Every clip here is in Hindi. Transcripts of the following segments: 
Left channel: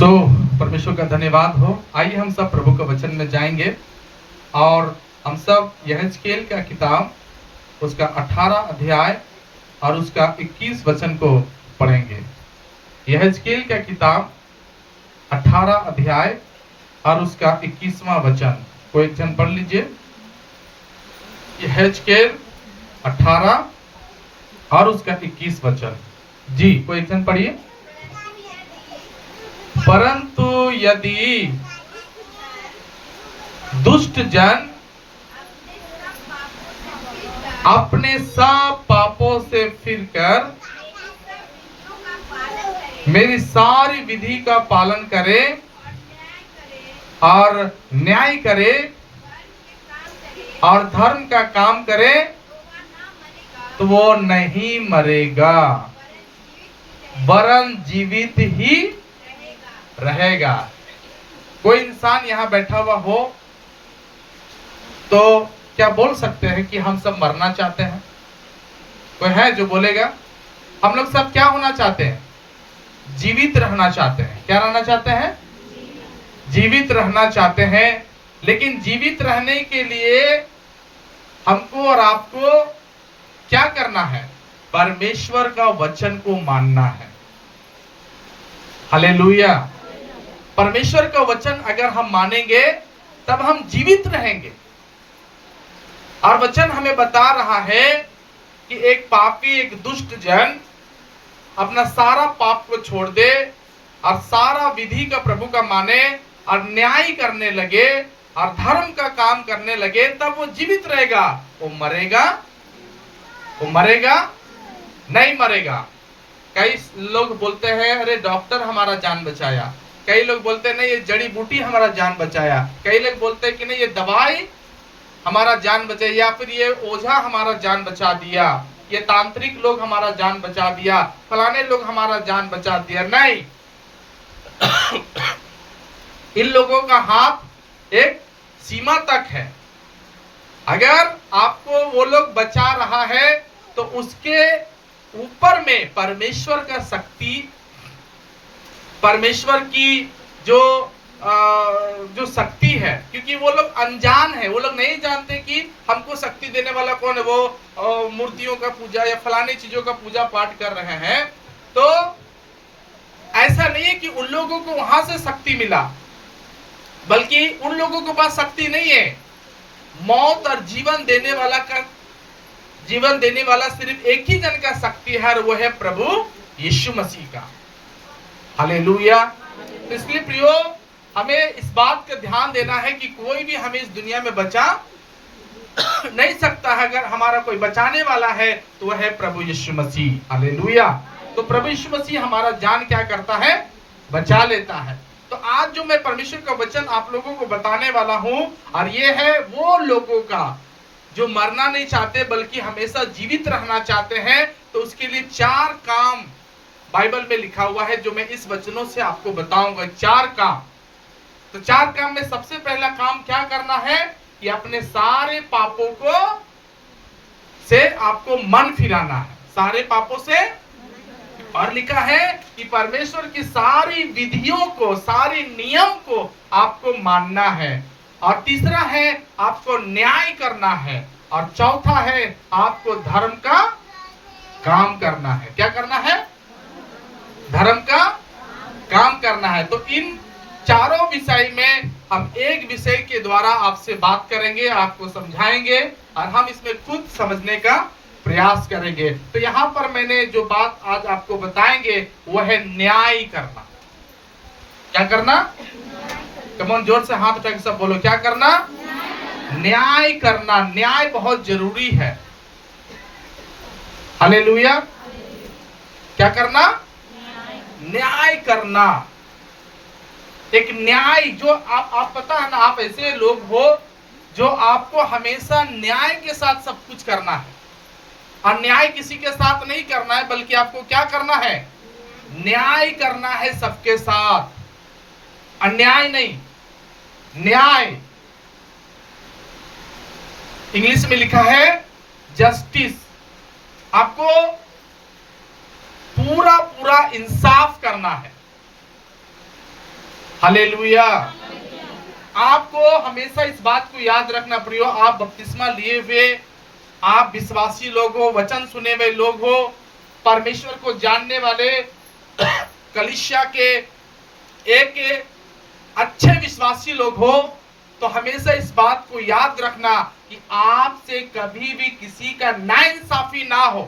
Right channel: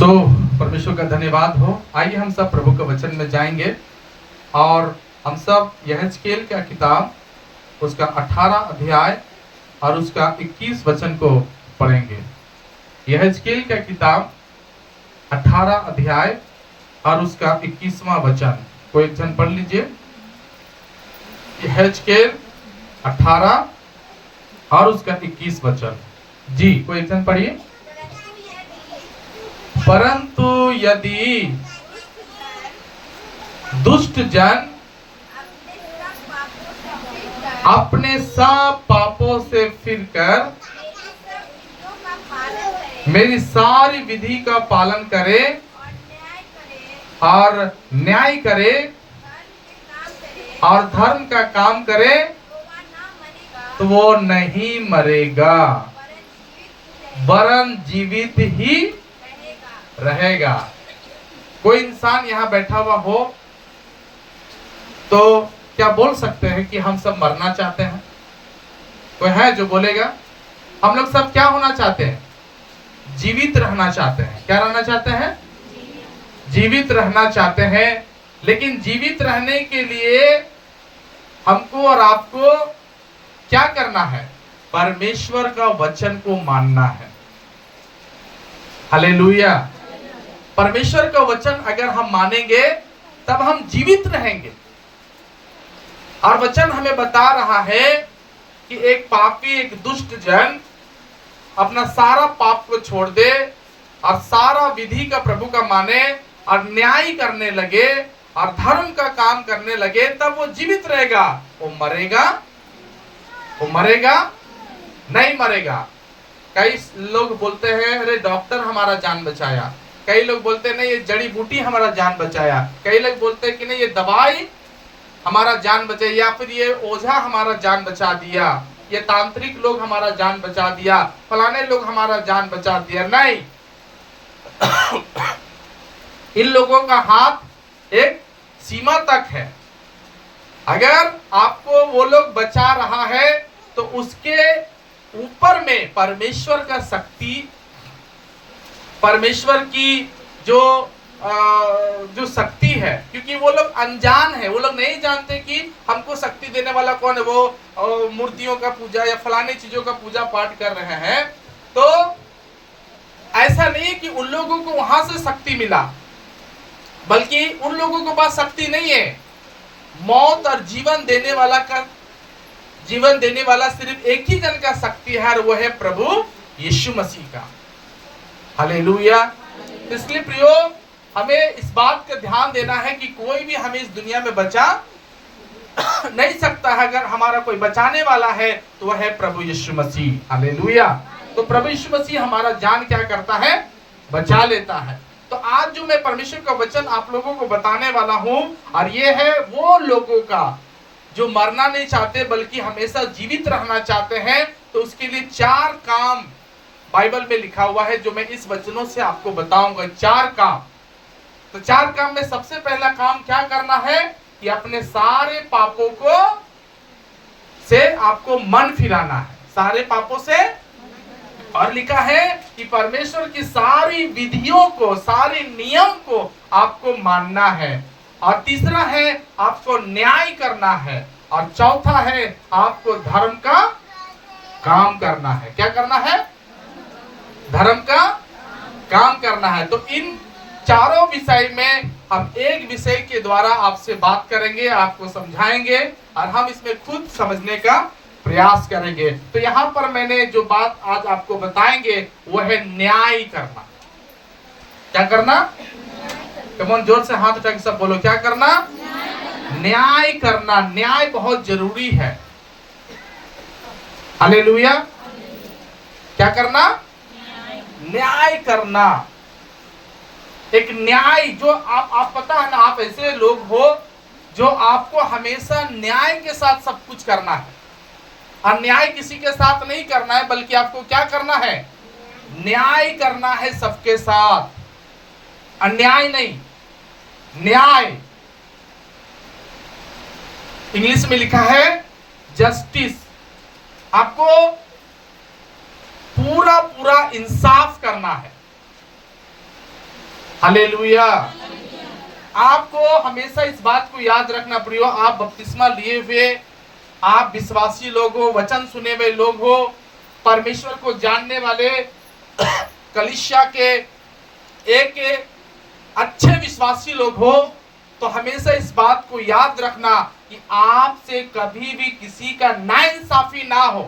परमेश्वर का धन्यवाद हो। आइए हम सब प्रभु के वचन में जाएंगे और हम सब यहेजकेल का किताब उसका 18 अध्याय और उसका 21 वचन को पढ़ेंगे। यहेजकेल का किताब 18 अध्याय और उसका 21वां वचन कोई एक जन पढ़ लीजिए। यहेजकेल 18 और उसका 21 वचन। जी, कोई एक जन पढ़िए। परंतु यदि दुष्ट जन अपने सब पापों से फिरकर मेरी सारी विधि का पालन करे और न्याय करे और धर्म का काम करे तो वो नहीं मरेगा वरन जीवित ही रहेगा। कोई इंसान यहाँ बैठा हुआ हो तो क्या बोल सकते हैं कि हम सब मरना चाहते हैं? कोई है जो बोलेगा? हम लोग सब क्या होना चाहते हैं? जीवित रहना चाहते हैं। क्या रहना चाहते हैं? जीवित रहना चाहते हैं। लेकिन जीवित रहने के लिए हमको और आपको क्या करना है? परमेश्वर का वचन को मानना है। हालेलुया। परमेश्वर का वचन अगर हम मानेंगे तब हम जीवित रहेंगे। और वचन हमें बता रहा है कि एक पापी, एक दुष्ट जन अपना सारा पाप को छोड़ दे और सारा विधि का प्रभु का माने और न्याय करने लगे और धर्म का काम करने लगे, तब वो जीवित रहेगा। वो मरेगा? वो मरेगा? नहीं मरेगा। कई लोग बोलते हैं अरे डॉक्टर हमारा जान बचाया। कई लोग बोलते हैं नहीं ये जड़ी बूटी हमारा जान बचाया। कई लोग बोलते हैं कि नहीं ये दवाई हमारा जान बचाया, या फिर ये ओझा हमारा जान बचा दिया, ये तांत्रिक लोग हमारा जान बचा दिया, फलाने लोग हमारा जान बचा दिया। नहीं, इन लोगों का हाथ एक सीमा तक है। अगर आपको वो लोग बचा रहा है तो उसके ऊपर में परमेश्वर का शक्ति, परमेश्वर की जो शक्ति है, क्योंकि वो लोग अनजान है। वो लोग नहीं जानते कि हमको शक्ति देने वाला कौन है। वो मूर्तियों का पूजा या फलाने चीजों का पूजा पाठ कर रहे हैं। तो ऐसा नहीं है कि उन लोगों को वहां से शक्ति मिला, बल्कि उन लोगों के पास शक्ति नहीं है। मौत और जीवन देने वाला सिर्फ एक ही जन का शक्ति है और वो है प्रभु यीशु मसीह का। हालेलुया। इसलिए प्रियो, हमें इस बात का ध्यान देना है कि कोई भी हमें इस दुनिया में बचा नहीं सकता है। अगर हमारा कोई बचाने वाला है तो वह है प्रभु यीशु मसीह। हालेलुया। तो प्रभु यीशु मसीह हमारा जान क्या करता है? बचा लेता है। तो आज जो मैं परमेश्वर का वचन आप लोगों को बताने वाला हूं, और ये है वो लोगों का जो मरना नहीं चाहते बल्कि हमेशा जीवित रहना चाहते हैं। तो उसके लिए 4 काम बाइबल में लिखा हुआ है जो मैं इस वचनों से आपको बताऊंगा। 4 काम। तो 4 काम में सबसे पहला काम क्या करना है कि अपने सारे पापों को से आपको मन फिराना है। सारे पापों से। और लिखा है कि परमेश्वर की सारी विधियों को, सारे नियम को आपको मानना है। और तीसरा है आपको न्याय करना है। और चौथा है आपको धर्म का काम करना है। क्या करना है? धर्म का काम करना है। तो इन चारों विषय में हम एक विषय के द्वारा आपसे बात करेंगे, आपको समझाएंगे और हम इसमें खुद समझने का प्रयास करेंगे। तो यहाँ पर मैंने जो बात आज आपको बताएंगे वो है न्याय करना। क्या करना? कमोन, जोर से हाथ उठा के सब बोलो, क्या करना? न्याय करना। न्याय बहुत जरूरी है। हालेलुया। क्या करना? न्याय करना। एक न्याय जो आप पता है ना, आप ऐसे लोग हो जो आपको हमेशा न्याय के साथ सब कुछ करना है। अन्याय किसी के साथ नहीं करना है, बल्कि आपको क्या करना है? न्याय करना है सबके साथ। अन्याय नहीं, न्याय। इंग्लिश में लिखा है जस्टिस। आपको पूरा इंसाफ करना है। हालेलुया। आपको हमेशा इस बात को याद रखना प्रियो, आप बपतिस्मा लिए हुए, आप विश्वासी लोग हो, वचन सुने हुए लोग हो, परमेश्वर को जानने वाले कलीसिया के एक अच्छे विश्वासी लोग हो, तो हमेशा इस बात को याद रखना कि आपसे कभी भी किसी का नाइंसाफी ना हो,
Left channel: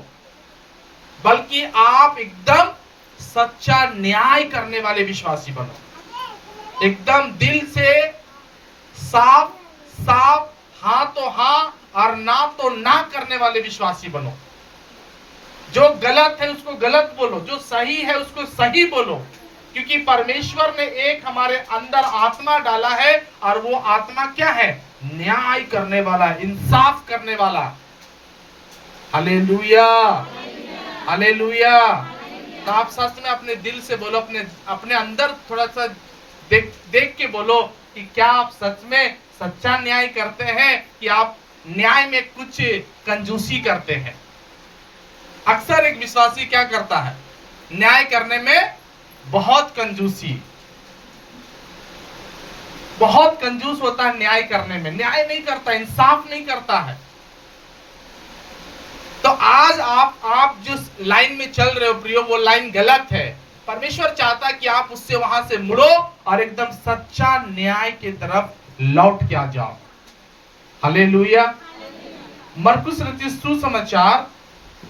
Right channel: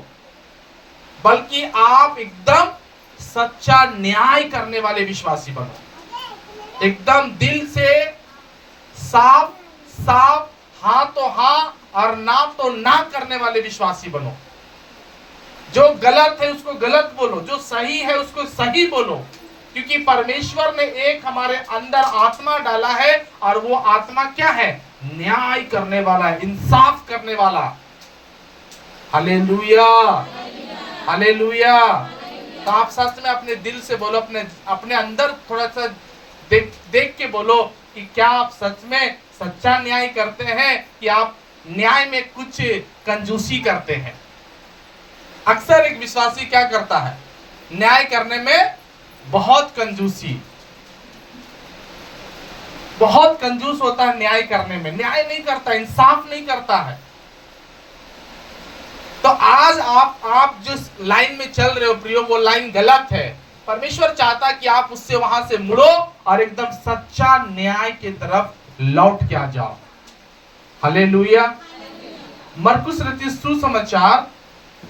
बल्कि आप एकदम सच्चा न्याय करने वाले विश्वासी बनो। एकदम दिल से साफ साफ, हाँ तो हाँ और ना तो ना करने वाले विश्वासी बनो। जो गलत है उसको गलत बोलो, जो सही है उसको सही बोलो, क्योंकि परमेश्वर ने एक हमारे अंदर आत्मा डाला है और वो आत्मा क्या है? न्याय करने वाला है, इंसाफ करने वाला। Hallelujah, hallelujah. तो आप सच में अपने दिल से बोलो, अपने अंदर थोड़ा सा देख के बोलो कि क्या आप सच में सच्चा न्याय करते हैं कि आप न्याय में कुछ कंजूसी करते हैं। अक्सर एक विश्वासी क्या करता है? न्याय करने में बहुत कंजूसी, बहुत कंजूस होता है न्याय करने में, न्याय नहीं करता, इंसाफ नहीं करता है। तो आज आप जिस लाइन में चल रहे हो प्रियो, वो लाइन गलत है। परमेश्वर चाहता है कि आप उससे वहां से मुड़ो और एकदम सच्चा न्याय की तरफ लौट के आ जाओ। हालेलुया। मरकुस रचित सुसमाचार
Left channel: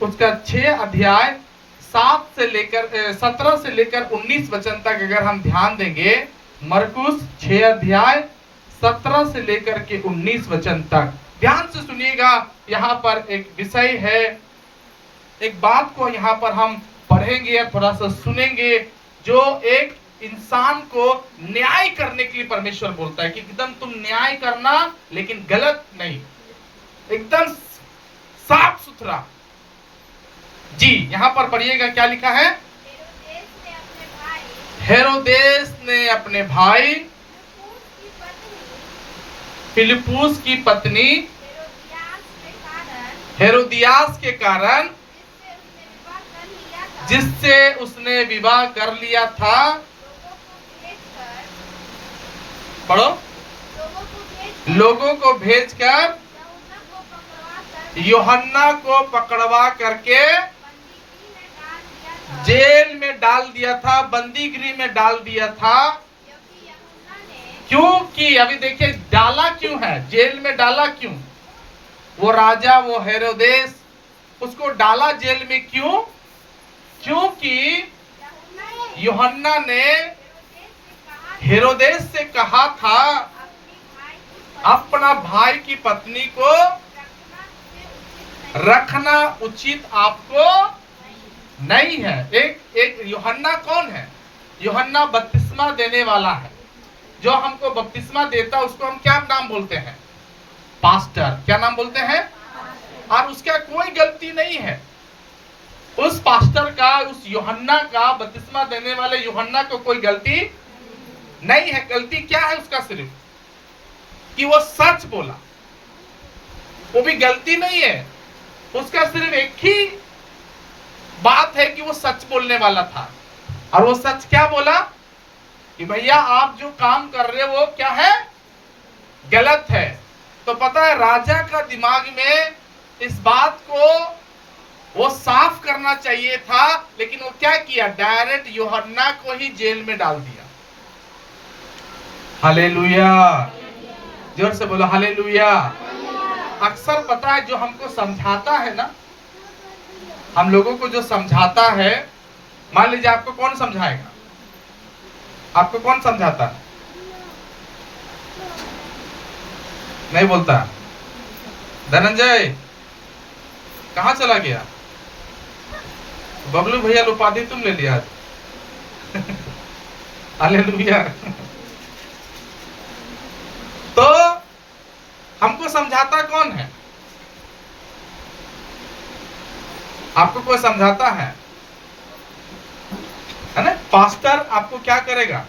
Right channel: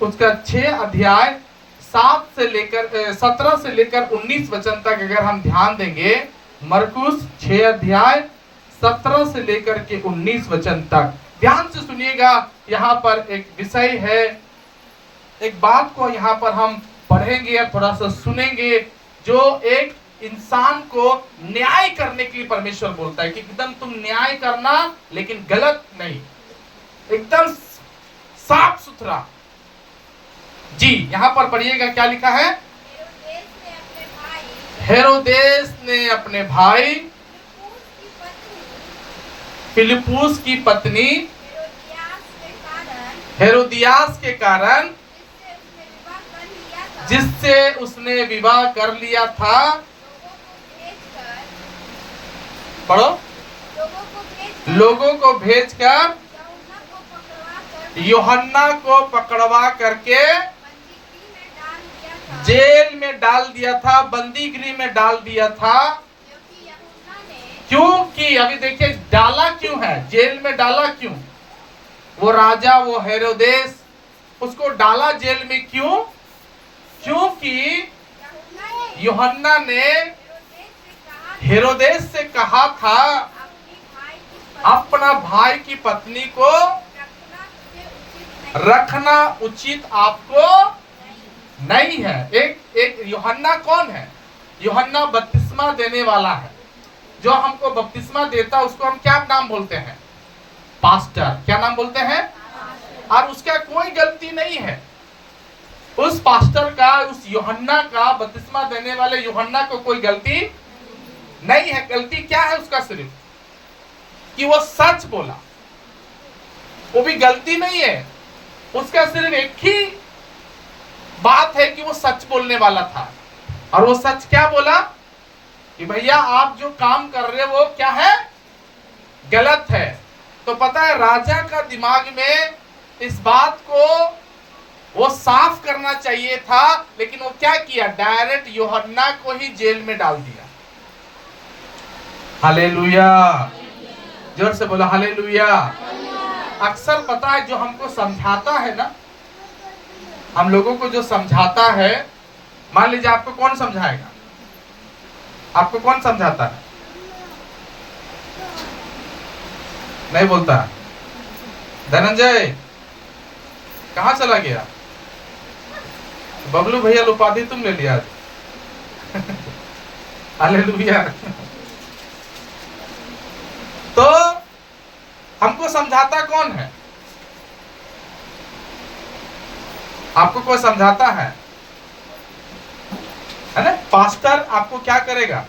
उसका 6 अध्याय 17 से लेकर 19 वचन तक अगर हम ध्यान देंगे, मरकुस 6 अध्याय 17 से लेकर के 19 वचन तक ध्यान से सुनिएगा। यहाँ पर एक विषय है, एक बात को यहाँ पर हम पढ़ेंगे या थोड़ा सा सुनेंगे, जो एक इंसान को न्याय करने के लिए परमेश्वर बोलता है कि एकदम तुम न्याय करना, लेकिन गलत नहीं, एकदम साफ सुथरा। जी यहाँ पर पढ़िएगा क्या लिखा है? हेरोदेस ने अपने भाई फिलिप्पुस की पत्नी हेरोदियास के कारण, जिससे उसने विवाह कर लिया था, पढ़ो, लोगों को भेजकर यूहन्ना को पकड़वा करके जेल में डाल दिया था, बंदी गृह में डाल दिया था। क्योंकि अभी देखिए डाला क्यों है, जेल में डाला क्यों? वो राजा, वो हेरोदेस, उसको डाला जेल में क्यों? क्योंकि यूहन्ना ने हेरोदेस से कहा था अपना भाई की पत्नी को रखना उचित आपको नहीं है। एक यूहन्ना कौन है? यूहन्ना बपतिस्मा देने वाला है। जो हमको बपतिस्मा देता उसको हम क्या नाम बोलते हैं? पास्टर। क्या नाम बोलते हैं? और उसका कोई गलती नहीं है। उस पास्टर का, उस यूहन्ना का, बपतिस्मा देने वाले यूहन्ना को कोई गलती नहीं है। गलती क्या है उसका? सिर्फ कि वो सच बोला, वो भी गलती नहीं है। उसका सिर्फ एक ही बात है कि वो सच बोलने वाला था। और वो सच क्या बोला? कि भैया आप जो काम कर रहे हो वो क्या है? गलत है। तो पता है राजा का दिमाग में इस बात को वो साफ करना चाहिए था, लेकिन वो क्या किया? डायरेक्ट यूहन्ना को ही जेल में डाल दिया। हालेलुया, जोर से बोला हालेलुया। अक्सर पता है जो हमको समझाता है ना, हम लोगों को जो समझाता है, मान लीजिए आपको कौन समझाएगा? आपको कौन समझाता है? नहीं बोलता। धनंजय कहाँ चला गया? बबलू भैया उपाधि तुम ले लिया आज। हालेलुया। तो हमको समझाता कौन है? आपको कोई समझाता है ना? पास्टर आपको क्या करेगा?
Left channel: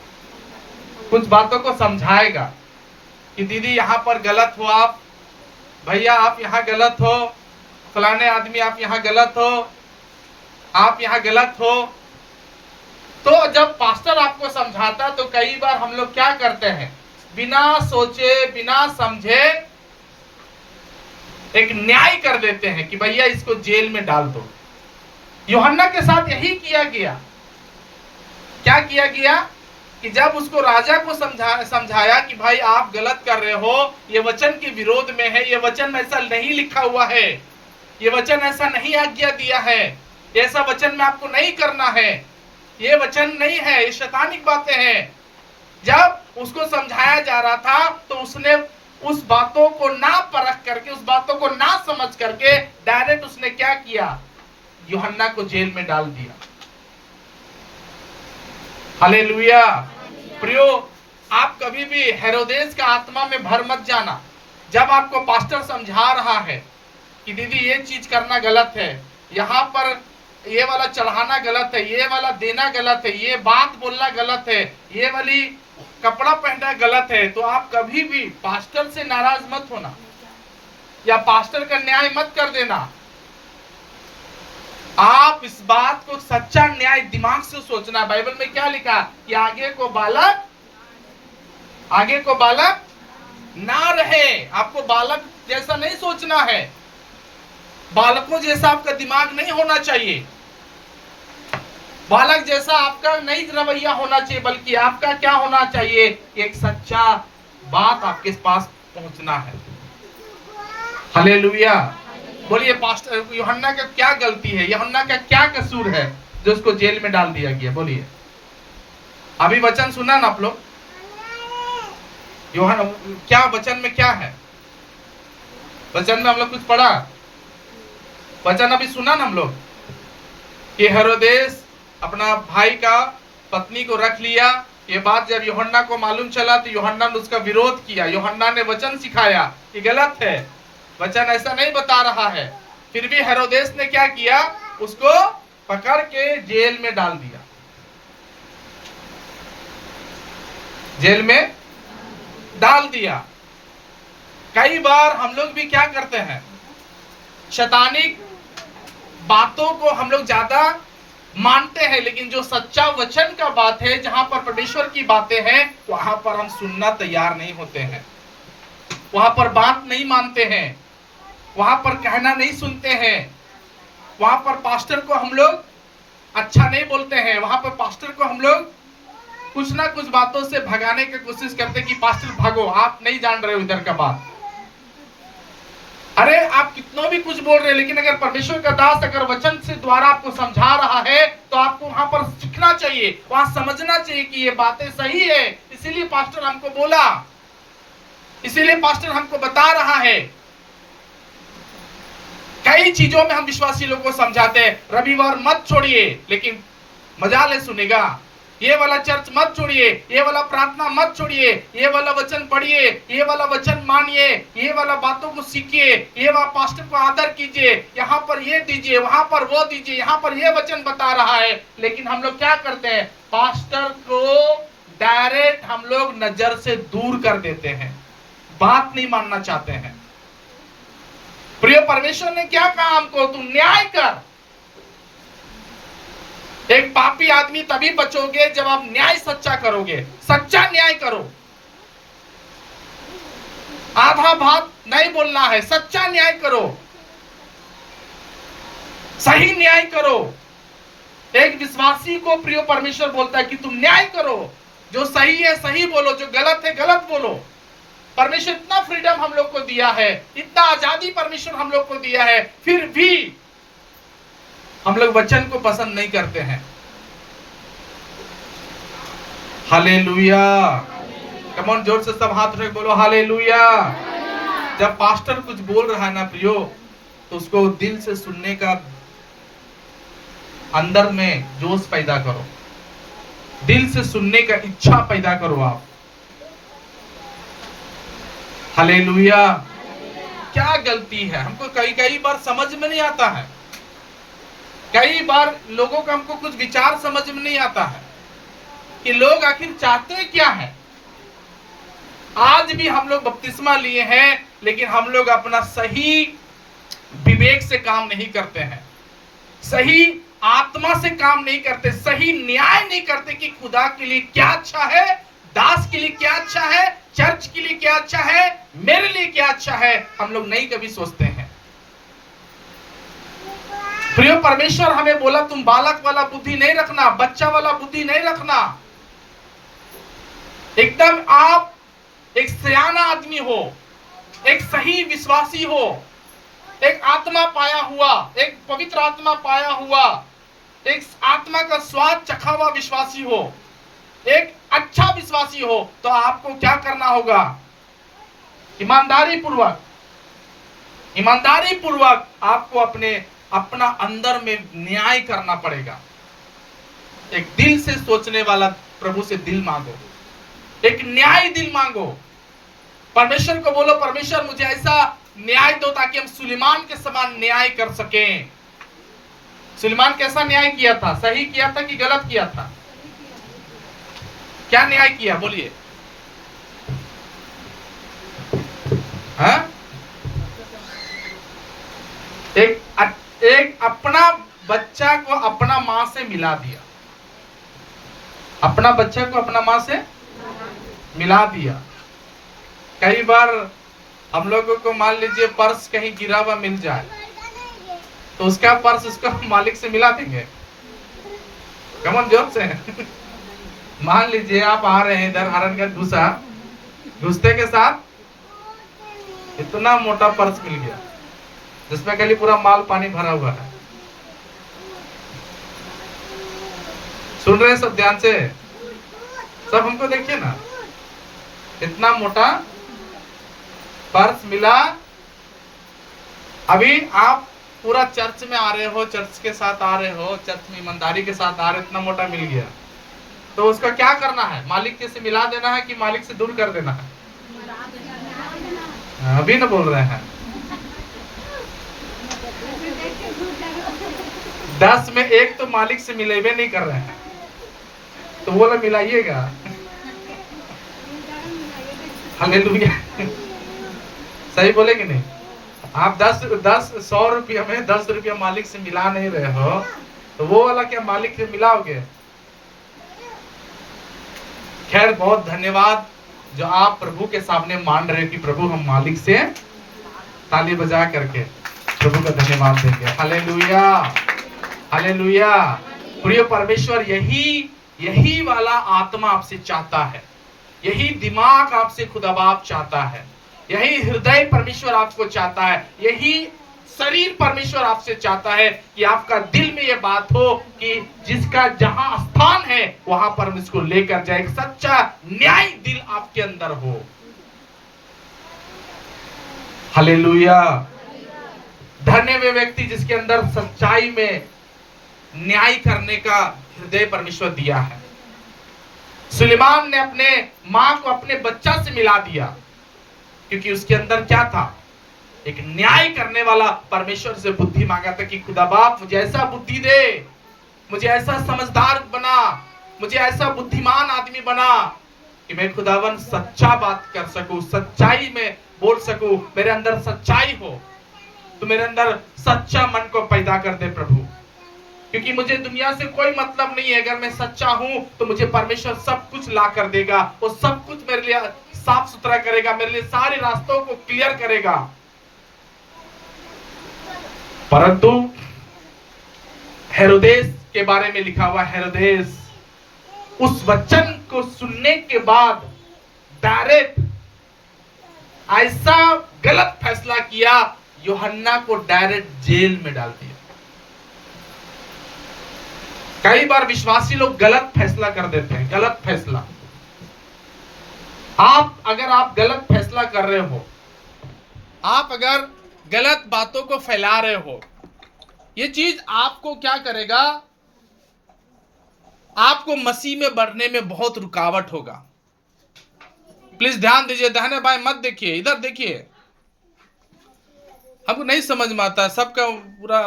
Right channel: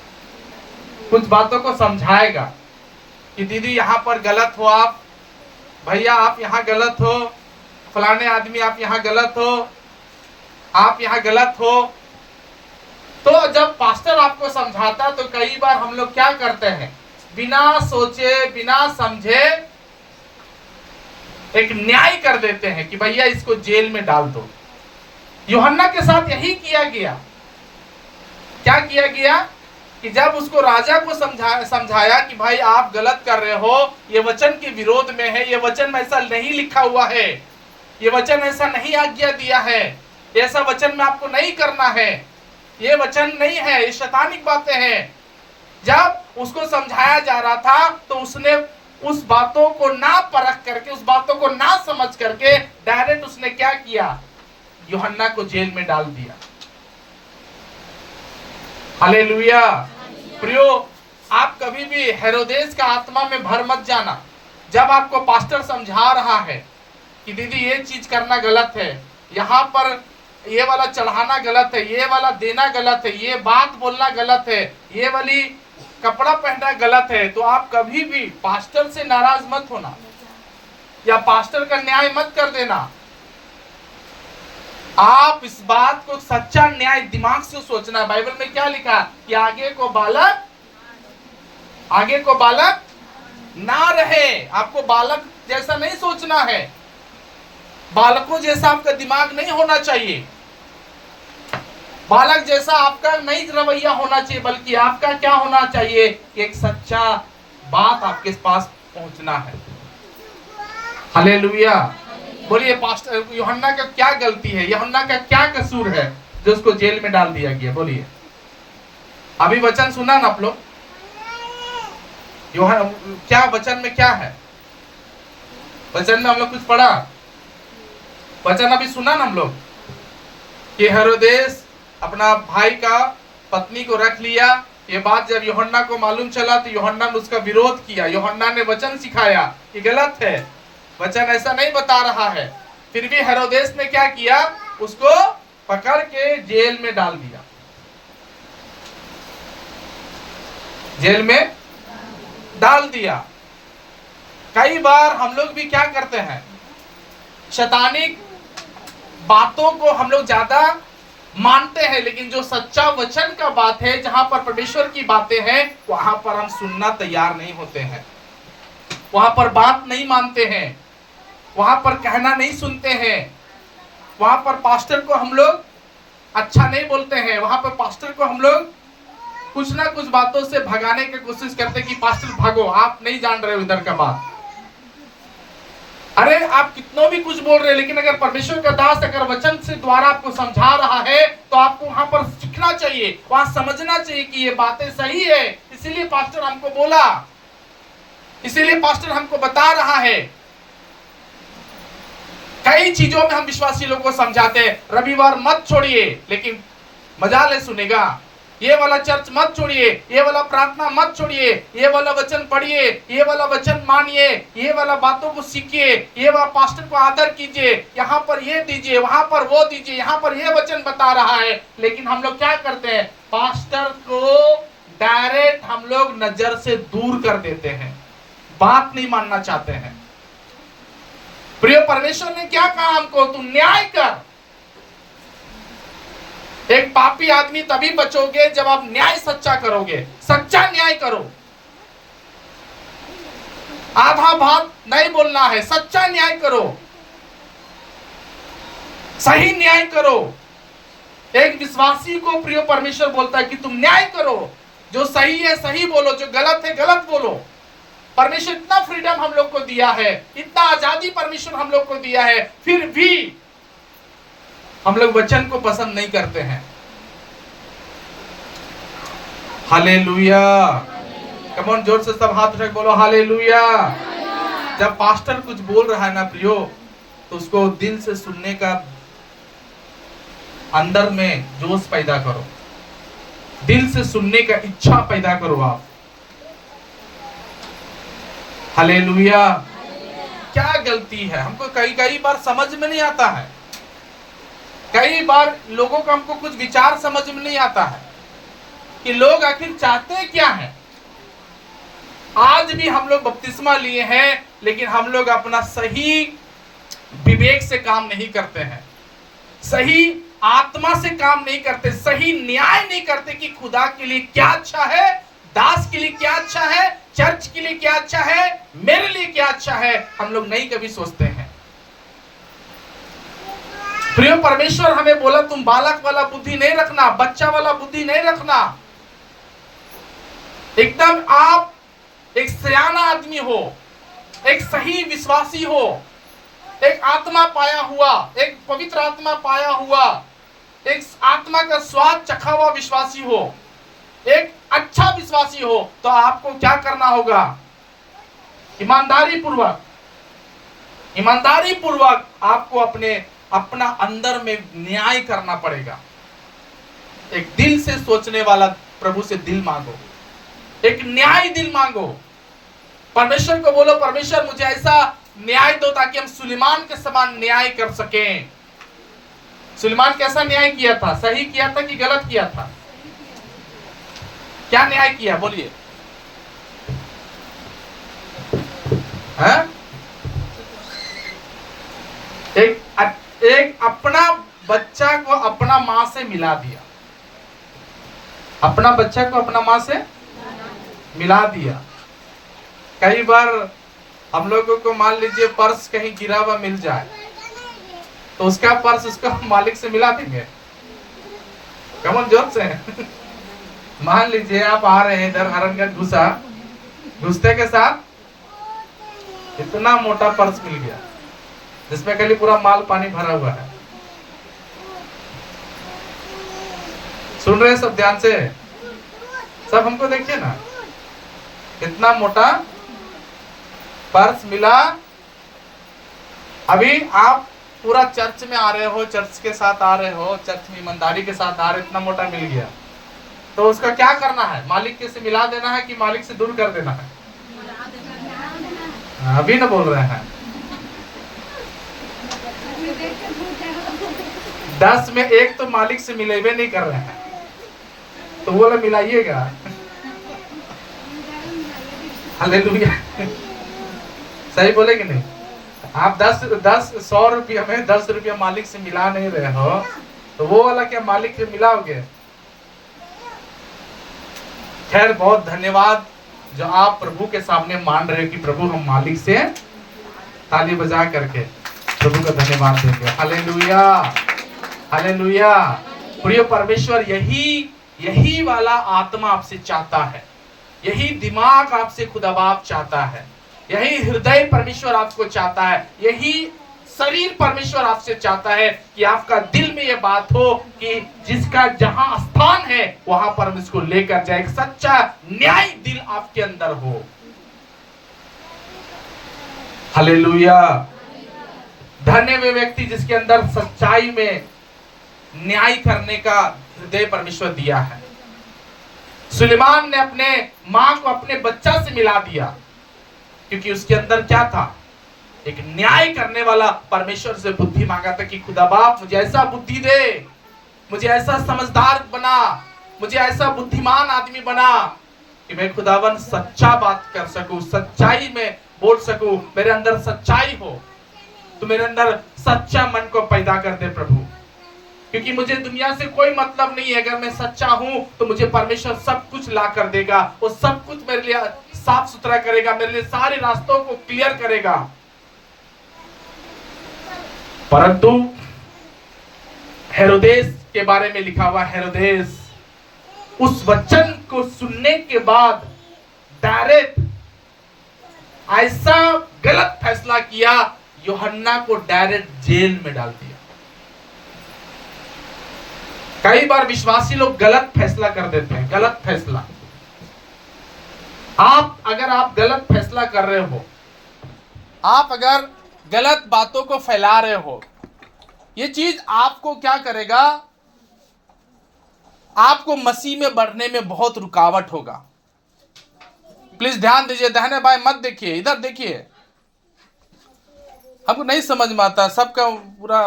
कुछ बातों को समझाएगा कि दीदी यहाँ पर गलत हो, आप भैया आप यहाँ गलत हो, फलाने आदमी आप यहाँ गलत हो, आप यहाँ गलत हो। तो जब पास्टर आपको समझाता तो कई बार हम लोग क्या करते हैं, बिना सोचे बिना समझे एक न्याय कर देते हैं कि भैया इसको जेल में डाल दो। यूहन्ना के साथ यही किया गया। क्या किया गया कि जब उसको राजा को समझाया कि भाई आप गलत कर रहे हो, ये वचन के विरोध में है, ये वचन में ऐसा नहीं लिखा हुआ है, ये वचन ऐसा नहीं आज्ञा दिया है, ऐसा वचन में आपको नहीं करना है, ये वचन नहीं है, ये शैतानिक बातें हैं। जब उसको समझाया जा रहा था तो उसने उस बातों को ना परख करके, उस बातों को ना समझ करके डायरेक्ट उसने क्या किया, यूहन्ना को जेल में डाल दिया। हालेलुया। प्रियो, आप कभी भी हेरोदेस का आत्मा में भर मत जाना। जब आपको पास्टर समझा रहा है कि दीदी ये चीज करना गलत है, यहाँ पर ये वाला चढ़ाना गलत है, ये वाला देना गलत है, ये बात बोलना गलत है, ये वाली कपड़ा पहनना गलत है, तो आप कभी भी पास्टर से नाराज मत होना या पास्टर का न्याय मत कर देना। आप इस बात को सच्चा न्याय दिमाग से सोचना। बाइबल में क्या लिखा कि आगे को बालक ना रहे। आपको बालक जैसा नहीं सोचना है, बालकों जैसा आपका दिमाग नहीं होना चाहिए, बालक जैसा आपका नहीं रवैया होना चाहिए, बल्कि आपका क्या होना चाहिए, एक सच्चा बात आपके पास पहुंचना है। हालेलुया। बोलिए पास्टर यूहन्ना का क्या गलती है, यूहन्ना का क्या कसूर है जो उसको जेल में डाल दिया गया? बोलिए। अभी वचन सुना ना आप लोग? यूहन्ना क्या वचन में क्या है? वचन में हम लोग कुछ पढ़ा, वचन अभी सुना ना हम लोग कि हेरोदेस अपना भाई का पत्नी को रख लिया। ये बात जब यूहन्ना को मालूम चला तो यूहन्ना ने उसका विरोध किया। यूहन्ना ने वचन सिखाया कि गलत है, वचन ऐसा नहीं बता रहा है। फिर भी हेरोदेस ने क्या किया, उसको पकड़ के जेल में डाल दिया। जेल में डाल दिया। कई बार हम लोग भी क्या करते हैं, शैतानिक बातों को हम लोग ज्यादा मानते हैं, लेकिन जो सच्चा वचन का बात है, जहां पर परमेश्वर की बातें हैं, वहां पर हम सुनना तैयार नहीं होते हैं, वहां पर बात नहीं मानते हैं, वहां पर कहना नहीं सुनते हैं, वहां पर पास्टर को हम लोग अच्छा नहीं बोलते हैं, वहां पर पास्टर को हम लोग कुछ ना कुछ बातों से भगाने की कोशिश करते हैं कि पास्टर भागो, आप नहीं जान रहे हो इधर का बात। अरे आप कितना भी कुछ बोल रहे हैं, लेकिन अगर परमेश्वर का दास अगर वचन से द्वारा आपको समझा रहा है तो आपको वहां पर सीखना चाहिए, वहां समझना चाहिए कि ये बातें सही है, इसीलिए पास्टर हमको बोला, इसीलिए पास्टर हमको बता रहा है। कई चीजों में हम विश्वासी लोगों को समझाते हैं, रविवार मत छोड़िए, लेकिन मजाल सुनेगा, ये वाला चर्च मत छोड़िए, ये वाला प्रार्थना मत छोड़िए, ये वाला वचन पढ़िए, ये वाला वचन मानिए, ये वाला बातों को सीखिए, ये वाला पास्टर को आदर कीजिए, यहाँ पर ये दीजिए, वहां पर वो दीजिए, यहाँ पर ये वचन बता रहा है। लेकिन हम लोग क्या करते हैं, पास्टर को डायरेक्ट हम लोग नजर से दूर कर देते हैं, बात नहीं मानना चाहते हैं। प्रिय, परमेश्वर ने क्या कहा हमको, तू न्याय कर। एक पापी आदमी तभी बचोगे जब आप न्याय सच्चा करोगे, सच्चा न्याय करो। आधा बात नहीं बोलना है, सच्चा न्याय करो, सही न्याय करो। एक विश्वासी को प्रिय परमेश्वर बोलता है कि तुम न्याय करो, जो सही है सही बोलो, जो गलत है गलत बोलो। परमेश्वर इतना फ्रीडम हम लोग को दिया है, इतना आजादी परमेश्वर हम लोग को दिया है, फिर भी हम लोग वचन को पसंद नहीं करते हैं। हालेलुया। कम ऑन, जोर से सब हाथ उठा के बोलो हालेलुया। जब पास्टर कुछ बोल रहा है ना प्रियो, तो उसको दिल से सुनने का अंदर में जोश पैदा करो, दिल से सुनने का इच्छा पैदा करो आप। हालेलुया। क्या गलती है, हमको कई बार समझ में नहीं आता है, कई बार लोगों का हमको कुछ विचार समझ में नहीं आता है कि लोग आखिर चाहते क्या है। आज भी हम लोग बपतिस्मा लिए हैं, लेकिन हम लोग अपना सही विवेक से काम नहीं करते हैं, सही आत्मा से काम नहीं करते, सही न्याय नहीं करते कि खुदा के लिए क्या अच्छा है, दास के लिए क्या अच्छा है, चर्च के लिए क्या अच्छा है, मेरे लिए क्या अच्छा है, हम लोग नहीं कभी सोचते हैं। प्रिय परमेश्वर हमें बोला तुम बालक वाला बुद्धि नहीं रखना, बच्चा वाला बुद्धि नहीं रखना, एकदम आप एक सयाना आदमी हो, एक सही विश्वासी हो, एक आत्मा पाया हुआ, एक पवित्र आत्मा पाया हुआ, एक आत्मा का स्वाद चखा हुआ विश्वासी हो, एक अच्छा विश्वासी हो, तो आपको क्या करना होगा? ईमानदारी पूर्वक आपको अपना अंदर में न्याय करना पड़ेगा। एक दिल से सोचने वाला प्रभु से दिल मांगो, एक न्याय दिल मांगो। परमेश्वर को बोलो, परमेश्वर मुझे ऐसा न्याय दो ताकि हम सुलेमान के समान न्याय कर सकें। सुलेमान कैसा न्याय किया था? सही किया था कि गलत किया था? क्या न्याय किया बोलिए? एक अपना बच्चा को अपना मां से मिला दिया, अपना बच्चा को अपना मां से मिला दिया। कई बार हम लोगों को मान लीजिए पर्स कहीं गिरा हुआ मिल जाए तो उसका पर्स उसका मालिक से मिला देंगे। कमन जोर से मान लीजिए आप आ रहे हैं इधर हरनगढ़ घुसते के साथ इतना मोटा पर्स मिल गया जिसमें खाली पूरा माल पानी भरा हुआ है। सुन रहे हैं सब ध्यान से? सब हमको देखिए ना, इतना मोटा पर्स मिला। अभी आप पूरा चर्च में आ रहे हो, चर्च के साथ आ रहे हो, चर्च में ईमानदारी के साथ आ रहे हो, इतना मोटा मिल गया तो उसका क्या करना है? मालिक के से मिला देना है कि मालिक से दूर कर देना है? अभी ना बोल रहे हैं। 10 में 1 तो मालिक से मिलेबे नहीं कर रहे हैं तो बोला मिलाइएगा। हालेलुया। सही बोले कि नहीं? आप 100 रुपया में 10 रुपया मालिक से मिला नहीं रहे हो तो वो वाला क्या मालिक से मिलाओगे? खैर बहुत धन्यवाद जो आप प्रभु के सामने मान रहे कि प्रभु हम मालिक से ताली बजा करके प्रभु का धन्यवाद देंगे। Hallelujah, hallelujah. प्रिय परमेश्वर यही वाला आत्मा आपसे चाहता है, यही दिमाग आपसे खुदा बाप चाहता है, यही हृदय परमेश्वर आपको चाहता है, यही शरीर परमेश्वर आपसे चाहता है कि आपका दिल में यह बात हो कि जिसका जहां स्थान है वहां पर हम इसको लेकर जाए। एक सच्चा न्याय दिल आपके अंदर हो। हालेलुया। धन्य वे व्यक्ति जिसके अंदर सच्चाई में न्याय करने का हृदय परमेश्वर दिया है। सुलेमान ने अपने मां को अपने बच्चा से मिला दिया क्योंकि उसके अंदर क्या था? एक न्याय करने वाला परमेश्वर से बुद्धि मांगा था कि खुदा बाप मुझे ऐसा बुद्धि दे, मुझे ऐसा समझदार बना, मुझे ऐसा बुद्धिमान आदमी बना कि मैं खुदावन सच्चा बात कर सकूं, सच्चाई में बोल सकूं, मेरे अंदर सच्चाई हो। तो मेरे अंदर सच्चा मन को पैदा कर दे प्रभु, क्योंकि मुझे दुनिया से कोई मतलब नहीं है। अगर मैं सच्चा हूं तो मुझे परमेश्वर सब कुछ ला कर देगा, वो सब कुछ मेरे लिए साफ सुथरा करेगा, मेरे लिए सारे रास्तों को क्लियर करेगा। परंतु हेरोदेस के बारे में लिखा हुआ, हेरोदेस उस वचन को सुनने के बाद डायरेक्ट ऐसा गलत फैसला किया, यूहन्ना को डायरेक्ट जेल में डाल दिया। कई बार विश्वासी लोग गलत फैसला कर देते हैं, गलत फैसला। अगर आप गलत फैसला कर रहे हो, आप अगर गलत बातों को फैला रहे हो, ये चीज आपको क्या करेगा? आपको मसीह में बढ़ने में बहुत रुकावट होगा। प्लीज ध्यान दीजिए, दाहिने बाएं मत देखिए, इधर देखिए। हमको नहीं समझ में आता, सबका पूरा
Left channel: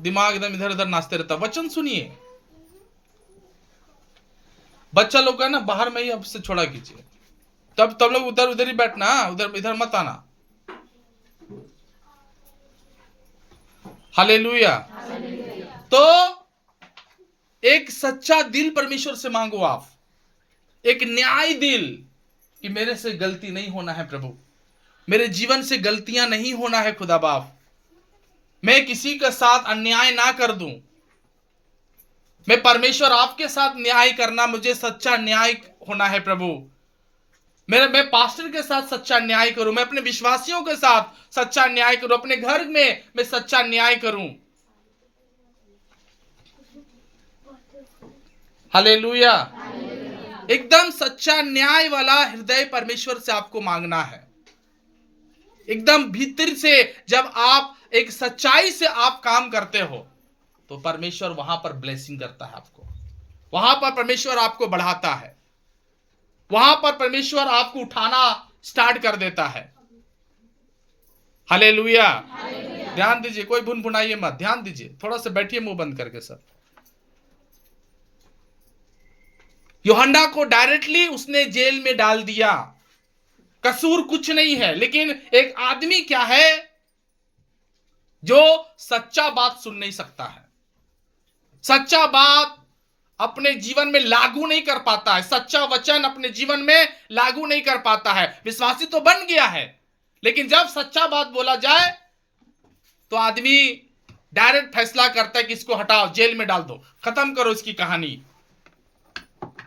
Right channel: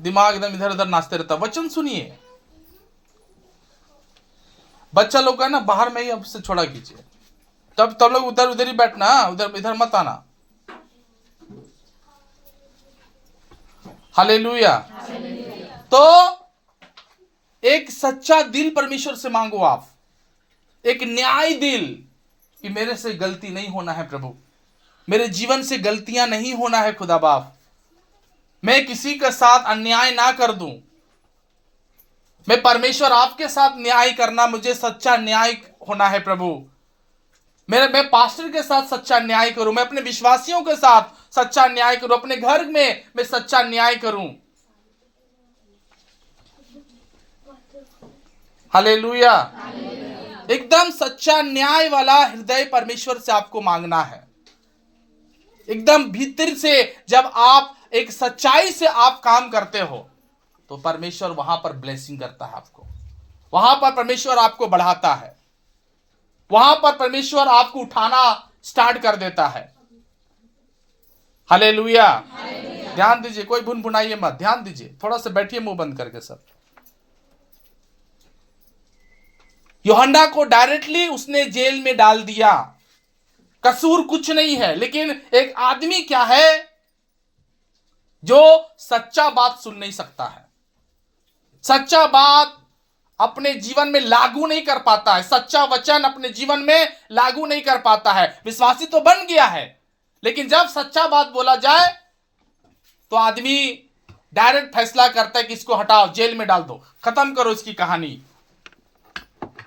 दिमाग एकदम इधर उधर नाचते रहता। वचन सुनिए। बच्चा लोग है ना, बाहर में ही अब से छोड़ा कीजिए, तब लोग उधर ही बैठना, इधर मत आना। हालेलुया। तो एक सच्चा दिल परमेश्वर से मांगो आप, एक न्याय दिल कि मेरे से गलती नहीं होना है प्रभु, मेरे जीवन से गलतियां नहीं होना है खुदा बाप, मैं किसी के साथ अन्याय ना कर दूं, मैं परमेश्वर आपके साथ न्याय करना, मुझे सच्चा न्याय होना है प्रभु, मैं पास्टर के साथ सच्चा न्याय करूं, मैं अपने विश्वासियों के साथ सच्चा न्याय करूं, अपने घर में मैं सच्चा न्याय करूं। हालेलुया। एकदम सच्चा न्याय वाला हृदय परमेश्वर से आपको मांगना है। एकदम भीतर से जब आप एक सच्चाई से आप काम करते हो तो परमेश्वर वहां पर ब्लेसिंग करता है आपको, वहां पर परमेश्वर आपको बढ़ाता है, वहां पर परमेश्वर आपको उठाना स्टार्ट कर देता है। हालेलुया। ध्यान दीजिए, कोई भुन भुनाइए मत, ध्यान दीजिए, थोड़ा सा बैठिए मुंह बंद करके सब। यूहन्ना को डायरेक्टली उसने जेल में डाल दिया, कसूर कुछ नहीं है, लेकिन एक आदमी क्या है जो सच्चा बात सुन नहीं सकता है, सच्चा बात अपने जीवन में लागू नहीं कर पाता है, सच्चा वचन अपने जीवन में लागू नहीं कर पाता है। विश्वासी तो बन गया है, लेकिन जब सच्चा बात बोला जाए तो आदमी डायरेक्ट फैसला करता है कि इसको हटाओ, जेल में डाल दो, खत्म करो इसकी कहानी।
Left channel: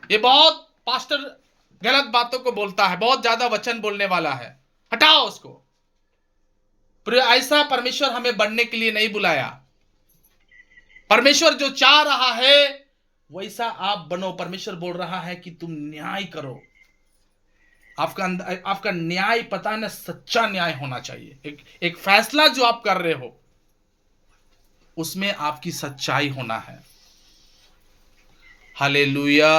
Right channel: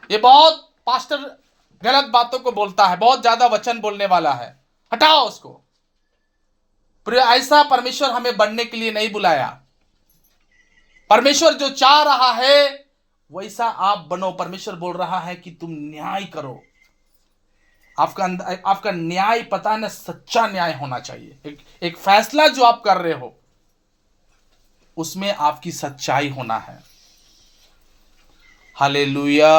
ये बहुत पास्टर गलत बातों को बोलता है, बहुत ज्यादा वचन बोलने वाला है, हटाओ उसको। पर ऐसा परमेश्वर हमें बनने के लिए नहीं बुलाया। परमेश्वर जो चाह रहा है वैसा आप बनो। परमेश्वर बोल रहा है कि तुम न्याय करो, आपका न्याय पता न सच्चा न्याय होना चाहिए। एक फैसला जो आप कर रहे हो उसमें आपकी सच्चाई होना है। हालेलुया।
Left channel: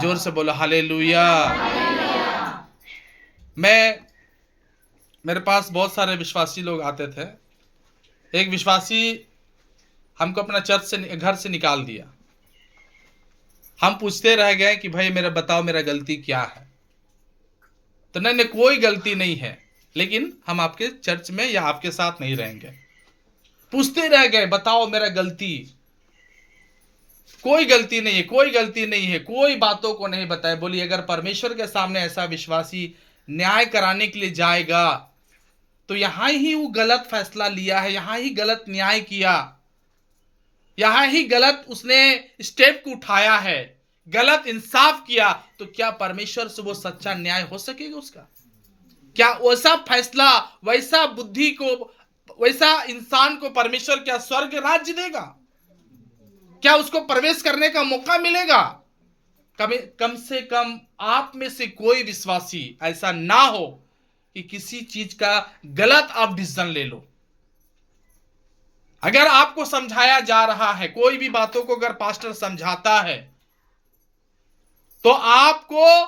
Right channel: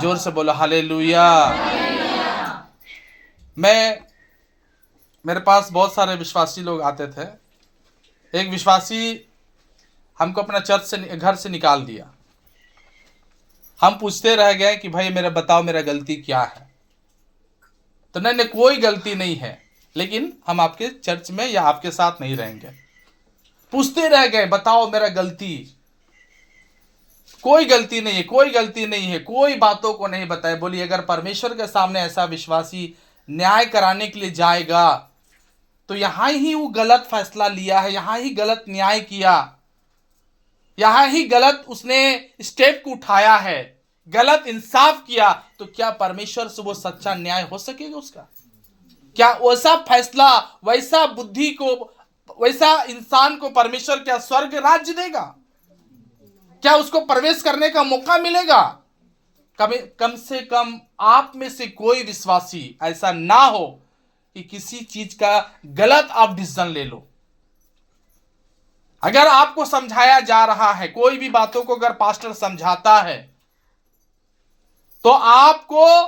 जोर से बोलो हालेलुया। मेरे पास बहुत सारे विश्वासी लोग आते थे। एक विश्वासी हमको अपना चर्च से, घर से निकाल दिया। हम पूछते रह गए कि भाई मेरा बताओ, मेरा गलती क्या है? तो नहीं, कोई गलती नहीं है, लेकिन हम आपके चर्च में या आपके साथ नहीं रहेंगे। पूछते रह गए, बताओ मेरा गलती। कोई गलती नहीं है, कोई गलती नहीं है, कोई बातों को नहीं बताए। बोलिए, अगर परमेश्वर के सामने ऐसा विश्वासी न्याय कराने के लिए जाएगा तो यहां ही वो गलत फैसला लिया है, यहां ही गलत न्याय किया, यहां ही गलत उसने स्टेप को उठाया है, गलत इंसाफ किया, तो क्या परमेश्वर से वो सच्चा न्याय हो सकेगा उसका? क्या वैसा फैसला, वैसा बुद्धि को, वैसा इंसान को परमेश्वर क्या स्वर्ग राज्य देगा? क्या उसको प्रवेश करने का मौका मिलेगा? कम से कम आप में से कोई विश्वासी ऐसा ना हो कि किसी चीज का गलत आप डिसीजन ले लो। अगर आपको समझाया जा रहा है, कोई भी बातों को अगर पास्टर समझाता है, तो आपको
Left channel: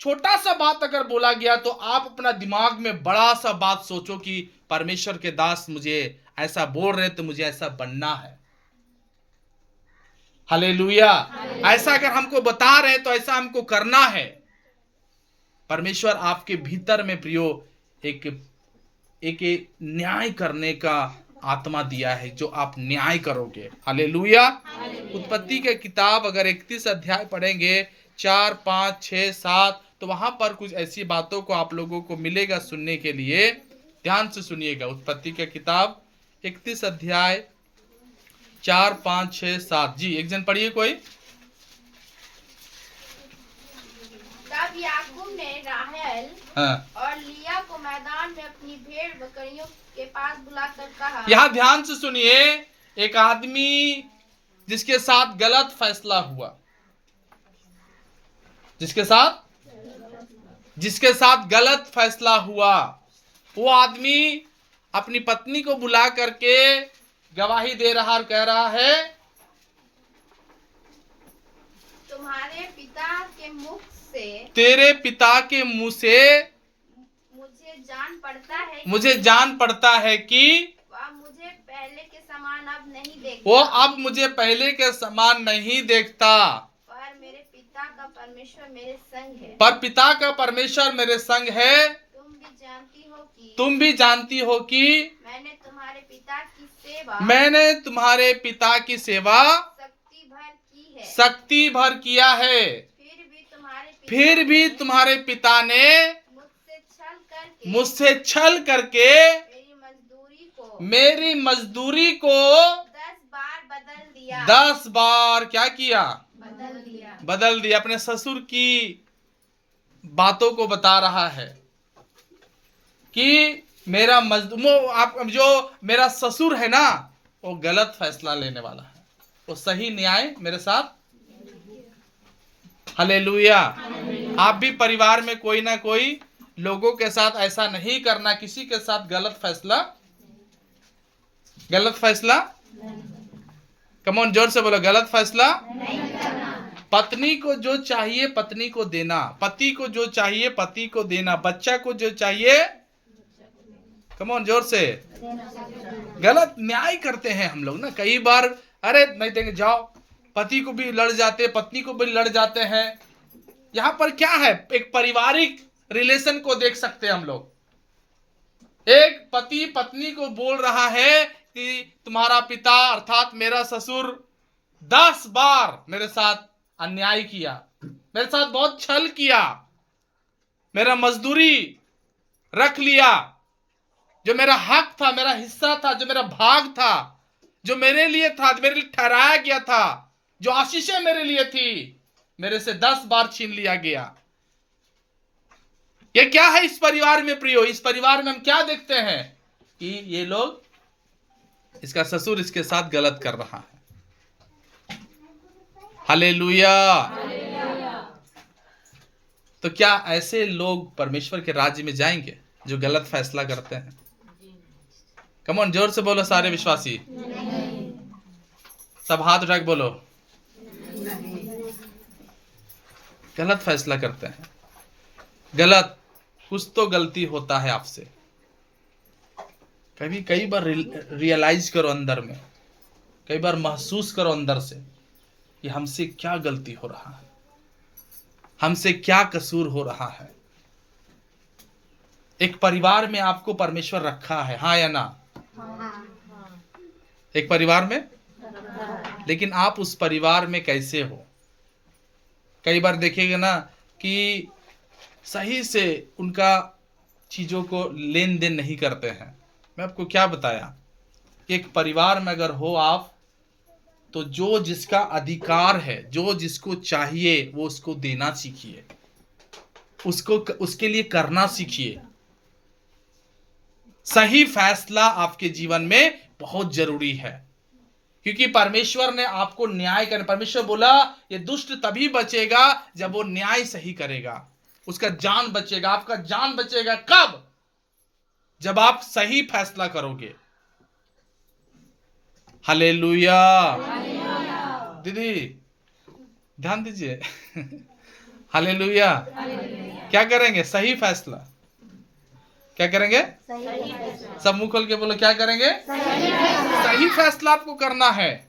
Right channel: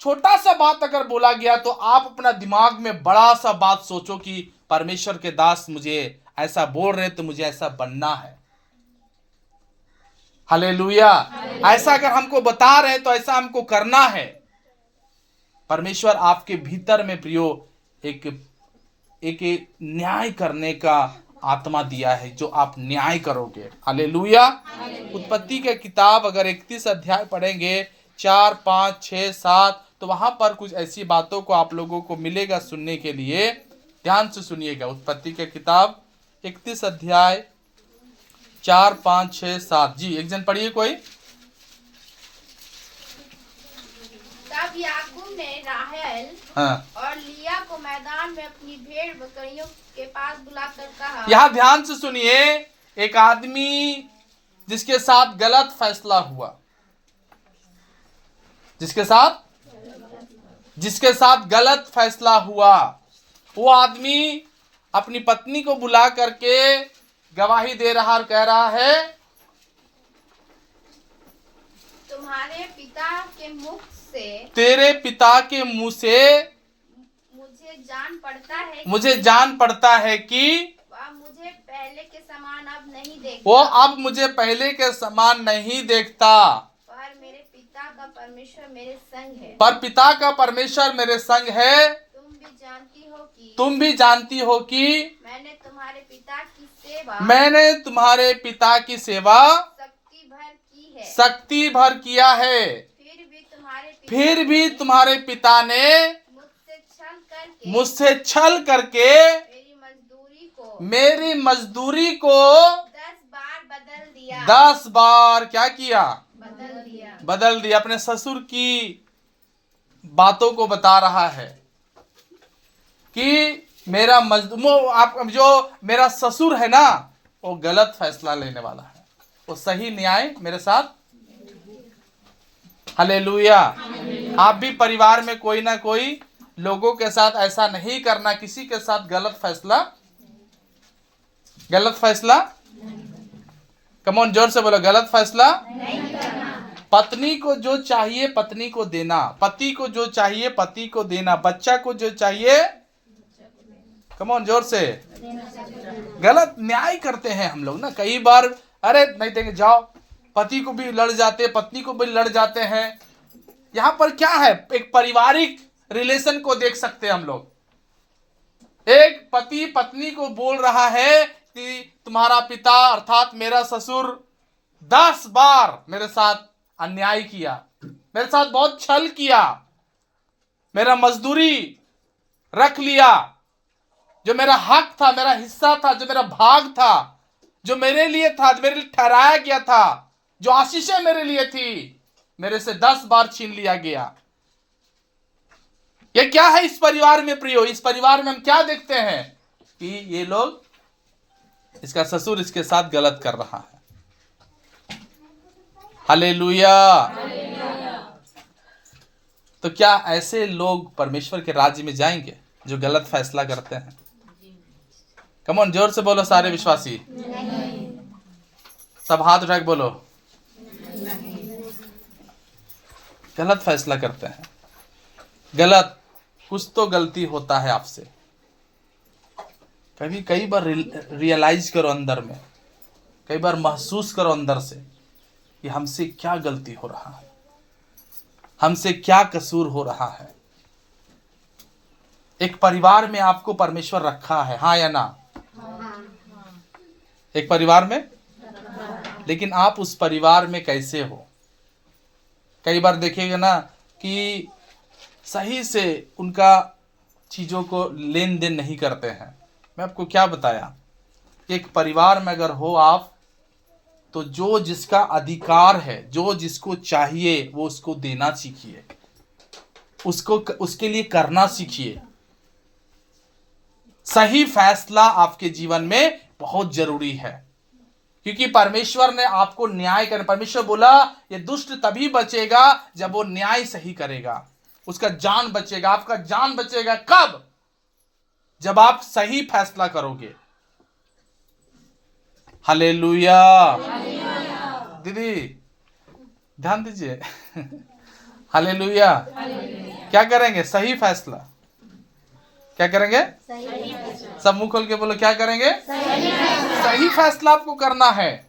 छोटा सा बात अगर बोला गया तो आप अपना दिमाग में बड़ा सा बात सोचो कि परमेश्वर के दास मुझे ऐसा बोल रहे तो मुझे ऐसा बनना है। हालेलुया। ऐसा अगर हमको बता रहे तो ऐसा हमको करना है। परमेश्वर आपके भीतर में प्रियो एक न्याय करने का आत्मा दिया है, जो आप न्याय करोगे। हालेलुया। उत्पत्ति के किताब अगर 31 अध्याय पढ़ेंगे, 4, 5, 6, 7, तो वहां पर कुछ ऐसी बातों को आप लोगों को मिलेगा सुनने के लिए। ध्यान से सुनिएगा। उत्पत्ति के किताब 31 अध्याय 4, 5, 6, 7। जी, एक जन पढ़िए कोई। तब याकूब ने राहेल और लिया को मैदान में अपनी भेड़ बकरियों के पास बुलाकर कहा। यहाँ ध्यान से सुनिए। एक आदमी जिसके साथ गलत फैसला हुआ, जिसके साथ गलत फैसला हुआ, वो आदमी अपनी पत्नी को बुला करके गवाही दे रहा और कह रहा है, तुम्हारे पिता के मुख से, तेरे पिता के मुंह से मुझे जान पड़ता है कि वह मुझे पहले के समान अब नहीं देखता। वो अब मुझे पहले के समान नहीं देखता। पर मेरे पिता का परमेश्वर मेरे संग है। पर पिता का परमेश्वर मेरे संग है। तुम भी जानती हो कि मैंने तुम्हारे पिता की सेवा शक्ति है, शक्ति भर किया है, फिर भी तुम्हारे पिता ने मुझसे छल करके मेरी मजदूरी को 10 बार क्या किया? बदल दिया। अपने ससुर की बातों को बता रहा है कि मेरा मजदूर, आप जो मेरा ससुर है ना, वो गलत फैसला लेने वाला है, वो सही न्याय मेरे साथ। हालेलुया। आप भी परिवार में कोई ना कोई लोगों के साथ ऐसा नहीं करना, किसी के साथ गलत फैसला। कम ऑन, जोर से बोलो, गलत फैसला नहीं करना। पत्नी को जो चाहिए पत्नी को देना, पति को जो चाहिए पति को देना, बच्चा को जो चाहिए, कम ऑन, जोर से। गलत न्याय करते हैं हम लोग ना कई बार, अरे नहीं देंगे जाओ, पति को भी लड़ जाते, पत्नी को भी लड़ जाते हैं। यहां पर क्या है? एक पारिवारिक रिलेशन को देख सकते हैं हम लोग। एक पति पत्नी को बोल रहा है कि तुम्हारा पिता अर्थात मेरा ससुर 10 बार मेरे साथ अन्याय किया, मेरे साथ बहुत छल किया, मेरा मजदूरी रख लिया, जो मेरा हक था, मेरा हिस्सा था, जो मेरा भाग था, जो मेरे लिए था, मेरे लिए ठहराया गया था, जो आशीषें मेरे लिए थी, मेरे से 10 बार छीन लिया गया। ये क्या है इस परिवार में प्रियो? इस परिवार में हम क्या देखते हैं कि ये लोग, इसका ससुर इसके साथ गलत कर रहा है। हालेलुया। तो क्या ऐसे लोग परमेश्वर के राज्य में जाएंगे जो गलत फैसला करते हैं? कम ऑन, जोर से बोलो सारे विश्वासी, सब हाथ उठा के बोलो, गलत फैसला करते हैं। गलत, कुछ तो गलती होता है आपसे। कई बार रियलाइज करो अंदर में, कई बार महसूस करो अंदर से कि हमसे क्या गलती हो रहा है, हमसे क्या कसूर हो रहा है। एक परिवार में आपको परमेश्वर रखा है, हाँ या ना? एक परिवार में, लेकिन आप उस परिवार में कैसे हो? कई बार देखिएगा ना कि सही से उनका चीजों को लेन देन नहीं करते हैं। मैं आपको क्या बताया, एक परिवार में अगर हो आप, तो जो जिसका अधिकार है, जो जिसको चाहिए, वो उसको देना सीखिए, उसको उसके लिए करना सीखिए। सही फैसला आपके जीवन में बहुत जरूरी है, क्योंकि परमेश्वर ने आपको न्याय करना। परमेश्वर बोला ये दुष्ट तभी बचेगा जब वो न्याय सही करेगा, उसका जान बचेगा। आपका जान बचेगा कब? जब आप सही फैसला करोगे। हालेलुया। दीदी ध्यान दीजिए। हालेलुया। क्या करेंगे? सही फैसला। क्या करेंगे? सब मुंह खोल के बोलो, क्या करेंगे? सही फैसला आपको करना है।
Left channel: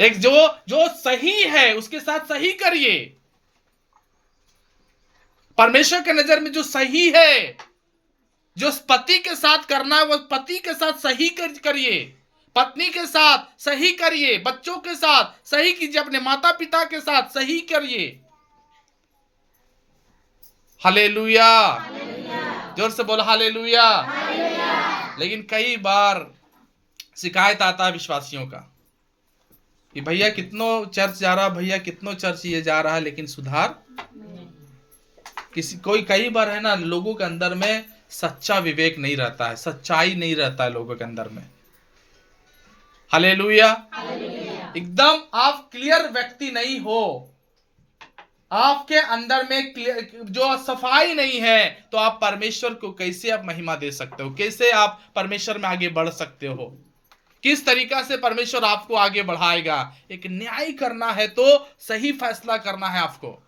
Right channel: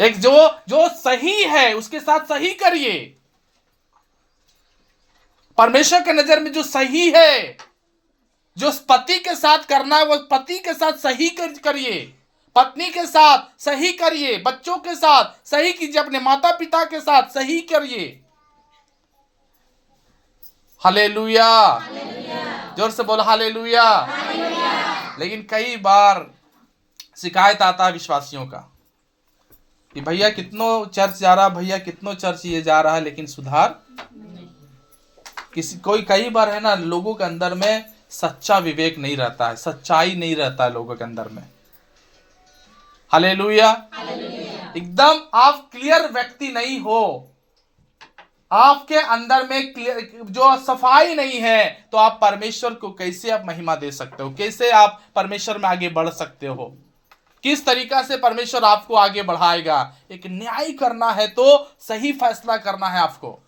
एक जो सही है उसके साथ सही करिए। परमेश्वर के नजर में जो सही है, जो पति के साथ करना है, वो पति के साथ सही करिए, पत्नी के साथ सही करिए, बच्चों के साथ सही कीजिए, अपने माता पिता के साथ सही करिए। हालेलुया। जोर से बोलो हालेलुया। लेकिन कई बार शिकायत आता है विश्वासियों का कि भैया कितनों चर्च जा रहा, भैया कितनों चर्च ये जा रहा है, लेकिन सुधार कई बार है ना, लोगों के अंदर में सच्चा विवेक नहीं रहता है, सच्चाई नहीं रहता है लोगों के अंदर में। हालेलुया। एकदम आप क्लियर व्यक्ति नहीं हो, आपके अंदर में जो सफाई नहीं है, तो आप परमेश्वर को कैसे आप महिमा दे सकते हो? कैसे आप परमेश्वर में आगे बढ़ सकते हो? किस तरीका से परमेश्वर आपको आगे बढ़ाएगा? एक न्याय करना है तो सही फैसला करना है आपको।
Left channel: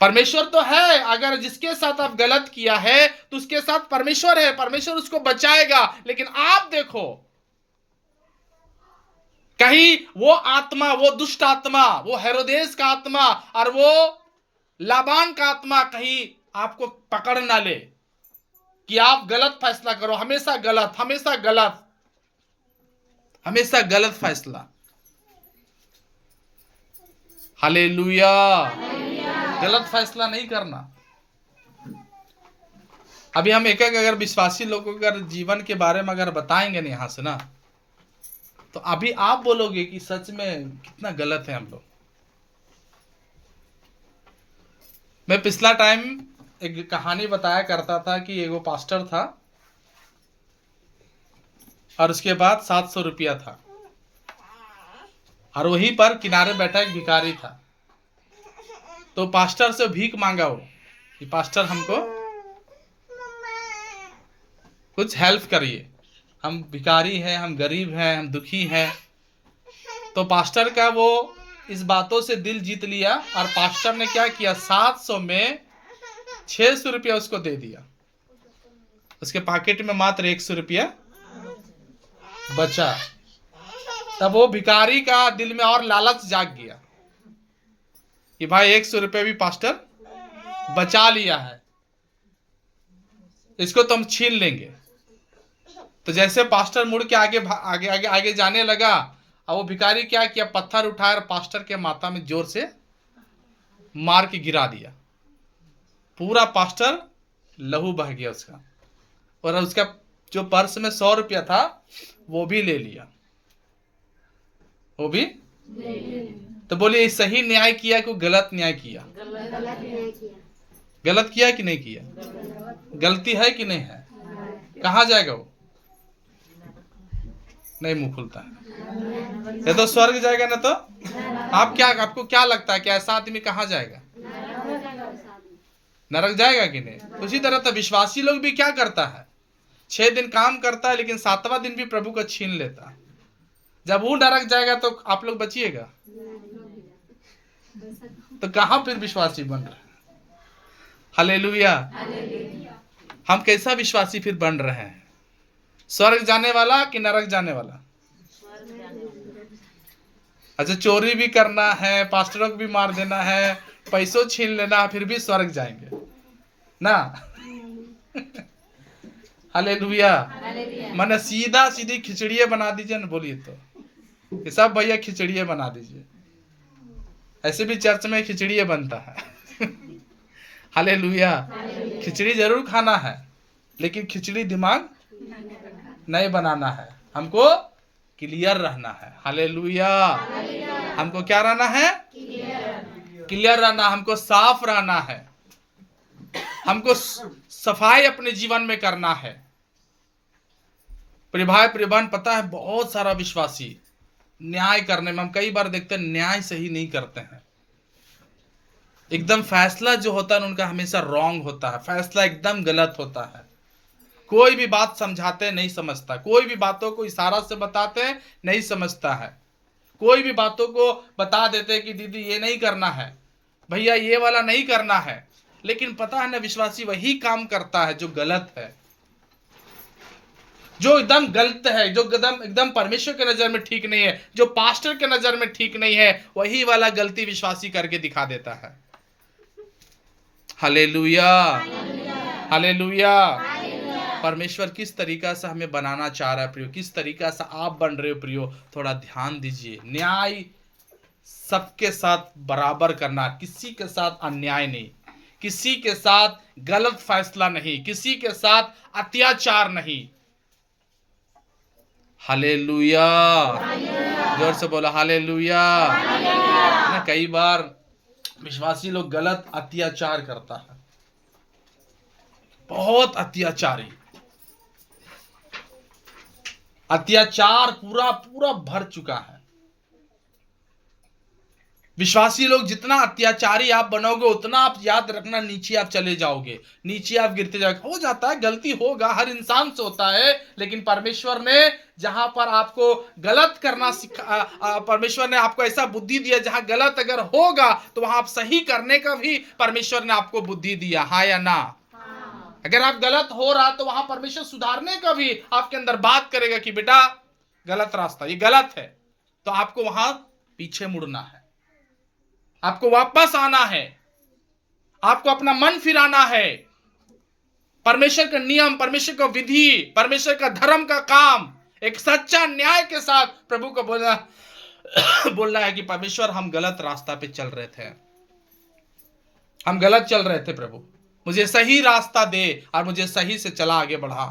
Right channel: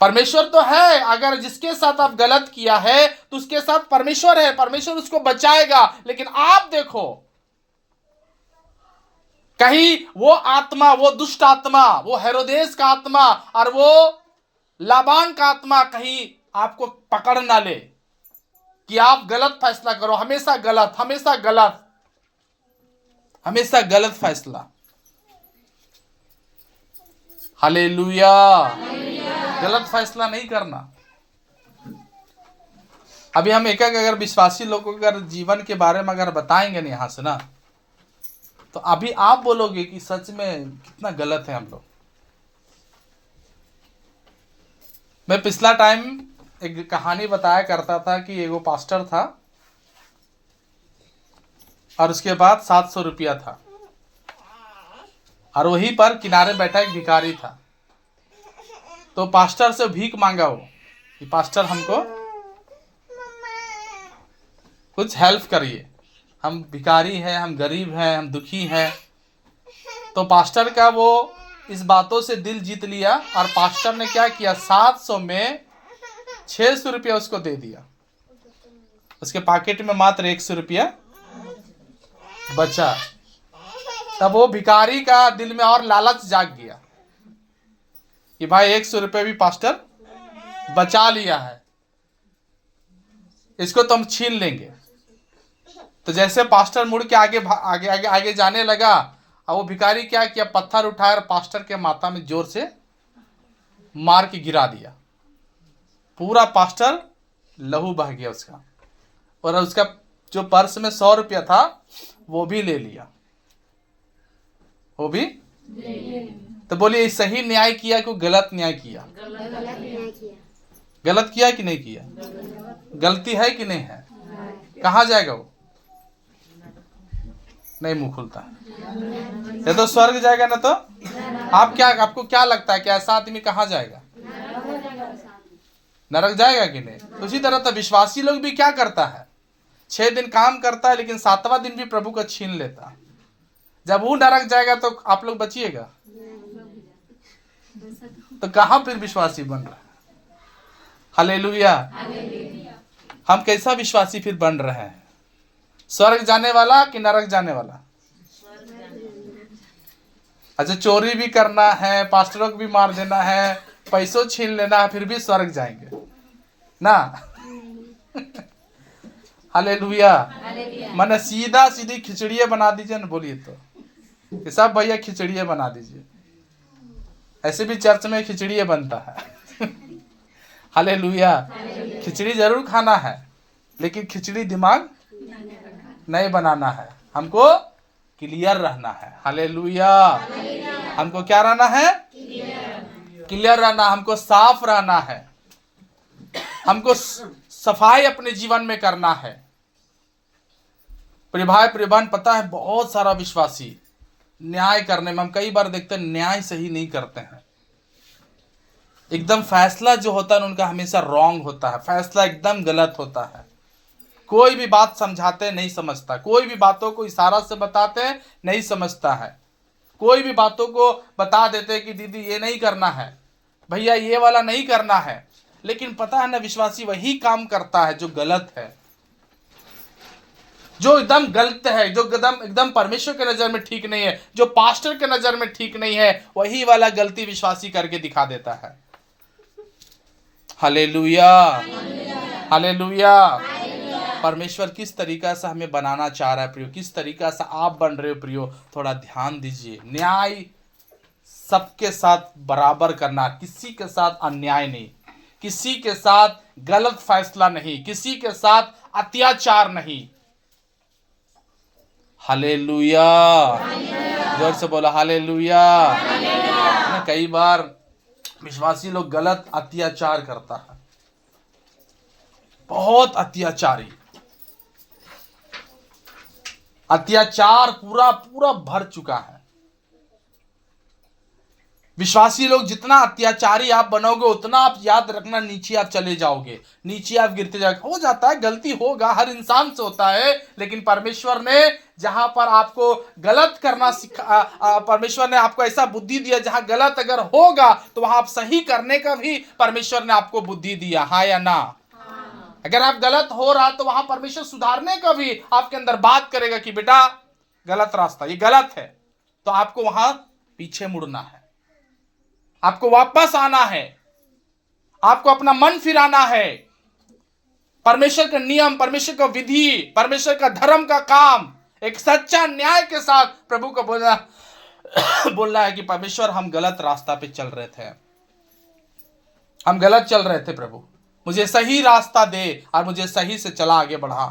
परमेश्वर तो है, अगर जिसके साथ आप गलत किया है तो उसके साथ परमेश्वर है, परमेश्वर उसको बचाएगा। लेकिन आप देखो, कहीं वो आत्मा, वो दुष्ट आत्मा, वो हेरोदेस का आत्मा और वो लाबान का आत्मा कहीं आपको पकड़ ना ले कि आप गलत फैसला करो, हमेशा गलत, हमेशा गलत। हमेशा गलत फैसला। हालेलुया। गलत फैसला नहीं करना। अभी हम एक अगर विश्वासी लोगों के अगर जीवन के बारे में अगर बताएंगे ना यहां से ना, तो अभी आप बोलोगे कि सच में कितना गलत है हम लोग। मैं पिछला टाइम एक कहानी बताया करता था कि एगो पास्टर था और उसके बाद 700 रुपया था और वहीं पर किनारे बैठा एक भिखारी था। तो पास्टर से भीख मांगा वो कि पास्टर हमको कुछ हेल्प करिए, हम भिखारी हैं, हम गरीब हैं, हम दुखी हैं। तो पास्टर का वो इस बातों से दिल जीत लिया और पास्टर ने क्या किया, 700 में 600 रुपया उसको दे दिया। उसके पॉकेट में मात्र 100 रुपया बचा। तब वो भिखारी का दिल में और लालच जाग गया कि भाई 100 रुपये भी पास्टर बचा लिया है, इसको तो हम छीन लेंगे। तो जैसे पास्टर मुड़ के आगे आगे आगे आगे जाने लगा और वो भिखारी क्या किया, पत्थर उठाया और पास्टर के माथा में जोर से मार के गिरा दिया। पूरा पास्टर लहू बह गया उसका, और उसका जो पर्स में 100 रुपया था वो भी ले लिया, वो भी। तो बोलिए ये सही न्याय किया कि गलत न्याय किया? गलत किया कि नहीं किया? गलती है कि नहीं है? कहाँ जाएगा वो? नहीं मुंह खुलता है। ये तो स्वर्ग जाएगा ना। तो आपको क्या लगता है कि ऐसा आदमी कहाँ जाएगा? नरक जाएगा कि नहीं? उसी तरह तो विश्वासी लोग भी क्या करता है, 6 दिन काम करता है लेकिन 7वां दिन भी प्रभु का छीन लेता है। जब वो नरक जाएगा तो आप लोग बचिएगा? तो कहां फिर विश्वासी बन रहा है? हालेलुया। हम कैसा विश्वासी फिर बन रहे हैं? स्वर्ग जाने वाला कि नरक जाने वाला? अच्छा, चोरी भी करना है, पास्टरों को भी मार देना है, पैसों छीन लेना है, फिर भी स्वर्ग जाएंगे ना? हालेलुया। मैंने सीधा सीधी खिचड़िए बना दीजिए ना, बोलिए तो सब भैया खिचड़िए बना दीजिए। ऐसे भी चर्च में खिचड़िए बनता है। हालेलुया। खिचड़ी जरूर खाना है लेकिन खिचड़ी दिमाग नहीं बनाना है, हमको क्लियर रहना है। हालेलुया। हमको क्या रहना है? क्लियर रहना, हमको साफ रहना है, हमको सफाई अपने जीवन में करना है। भाई प्रियबहन, पता है बहुत सारा विश्वासी न्याय करने में, हम कई बार देखते हैं न्याय सही नहीं करते हैं। एकदम फैसला जो होता है उनका हमेशा रॉन्ग होता है, फैसला एकदम गलत होता है। कोई भी बात समझाते नहीं समझता, कोई भी बातों को इशारा से बताते हैं नहीं समझता है, कोई भी बातों को बता देते कि दीदी ये नहीं करना है, भैया ये वाला नहीं करना है। लेकिन पता है ना, विश्वासी वही काम करता है जो गलत है, जो एकदम गलत है, जो एकदम परमेश्वर के नजर में ठीक नहीं है, जो पास्टर के नजर में ठीक नहीं है, वही वाला गलती विश्वासी करके दिखा देता है। हालेलुया। हालेलुया। परमेश्वर किस तरीका से हमें बनाना चाह रहा है प्रियो, किस तरीका से आप बन रहे हो प्रियो, थोड़ा ध्यान दीजिए। न्याय सबके साथ बराबर करना, किसी के साथ अन्याय नहीं, किसी के साथ गलत फैसला नहीं, किसी के साथ अत्याचार नहीं। हालेलुया। जोर से बोला हालेलुया। कई बार विश्वासी लोग गलत अत्याचार करता है, बहुत अत्याचारी, अत्याचार पूरा पूरा भर चुका है। विश्वासी लोग जितना अत्याचारी आप बनोगे उतना आप याद रखना नीचे आप चले जाओगे, नीचे आप गिरते जाओगे। हो जाता है, गलती होगा, हर इंसान से होता है, लेकिन परमेश्वर ने जहां पर आपको गलत करना परमेश्वर ने आपको ऐसा बुद्धि दिया, जहां गलत अगर होगा तो वहां आप सही करने का भी परमेश्वर ने आपको बुद्धि दिया, हाँ या ना? अगर आप गलत हो रहा तो वहां परमेश्वर सुधारने का भी आपके अंदर बात करेगा कि बेटा गलत रास्ता, ये गलत है, तो आपको वहां पीछे मुड़ना है, आपको वापस आना है, आपको अपना मन फिराना है। परमेश्वर का नियम, परमेश्वर का विधि, परमेश्वर का धर्म का काम एक सच्चा न्याय के साथ प्रभु को बोलना है कि परमेश्वर हम गलत रास्ता पे चल रहे थे, हम गलत चल रहे थे, प्रभु मुझे सही रास्ता दे और मुझे सही से चला आगे बढ़ा।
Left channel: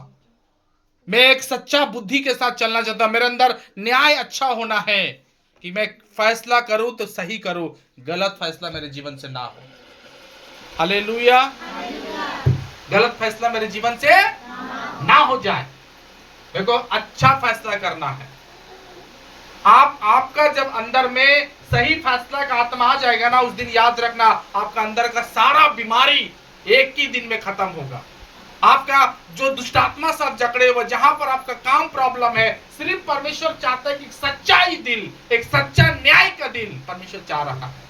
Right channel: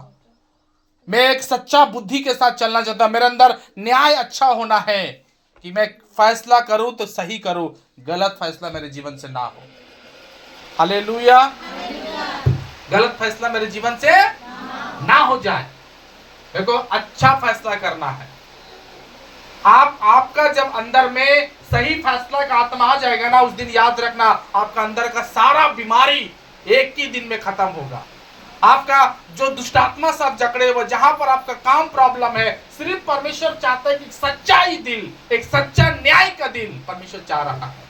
मैं एक सच्चा बुद्धि के साथ चलना चाहता, मेरे अंदर न्याय अच्छा होना है कि मैं फैसला करूं तो सही करूं, गलत फैसला मेरे जीवन से ना हो। हालेलुया। गलत फैसला मेरे जीवन से ना हो जाए। देखो, अच्छा फैसला करना है। आपका जब अंदर में सही फैसला का आत्मा आ जाएगा ना, उस दिन याद रखना आपका अंदर का सारा बीमारी एक ही दिन में खत्म होगा। आपका जो दुष्टात्मा सब जकड़े हुए, जहां पर आपका काम प्रॉब्लम है, सिर्फ परमेश्वर चाहता है कि सच्चाई दिल, एक सच्चा न्याय का दिल परमेश्वर चाह रहा है।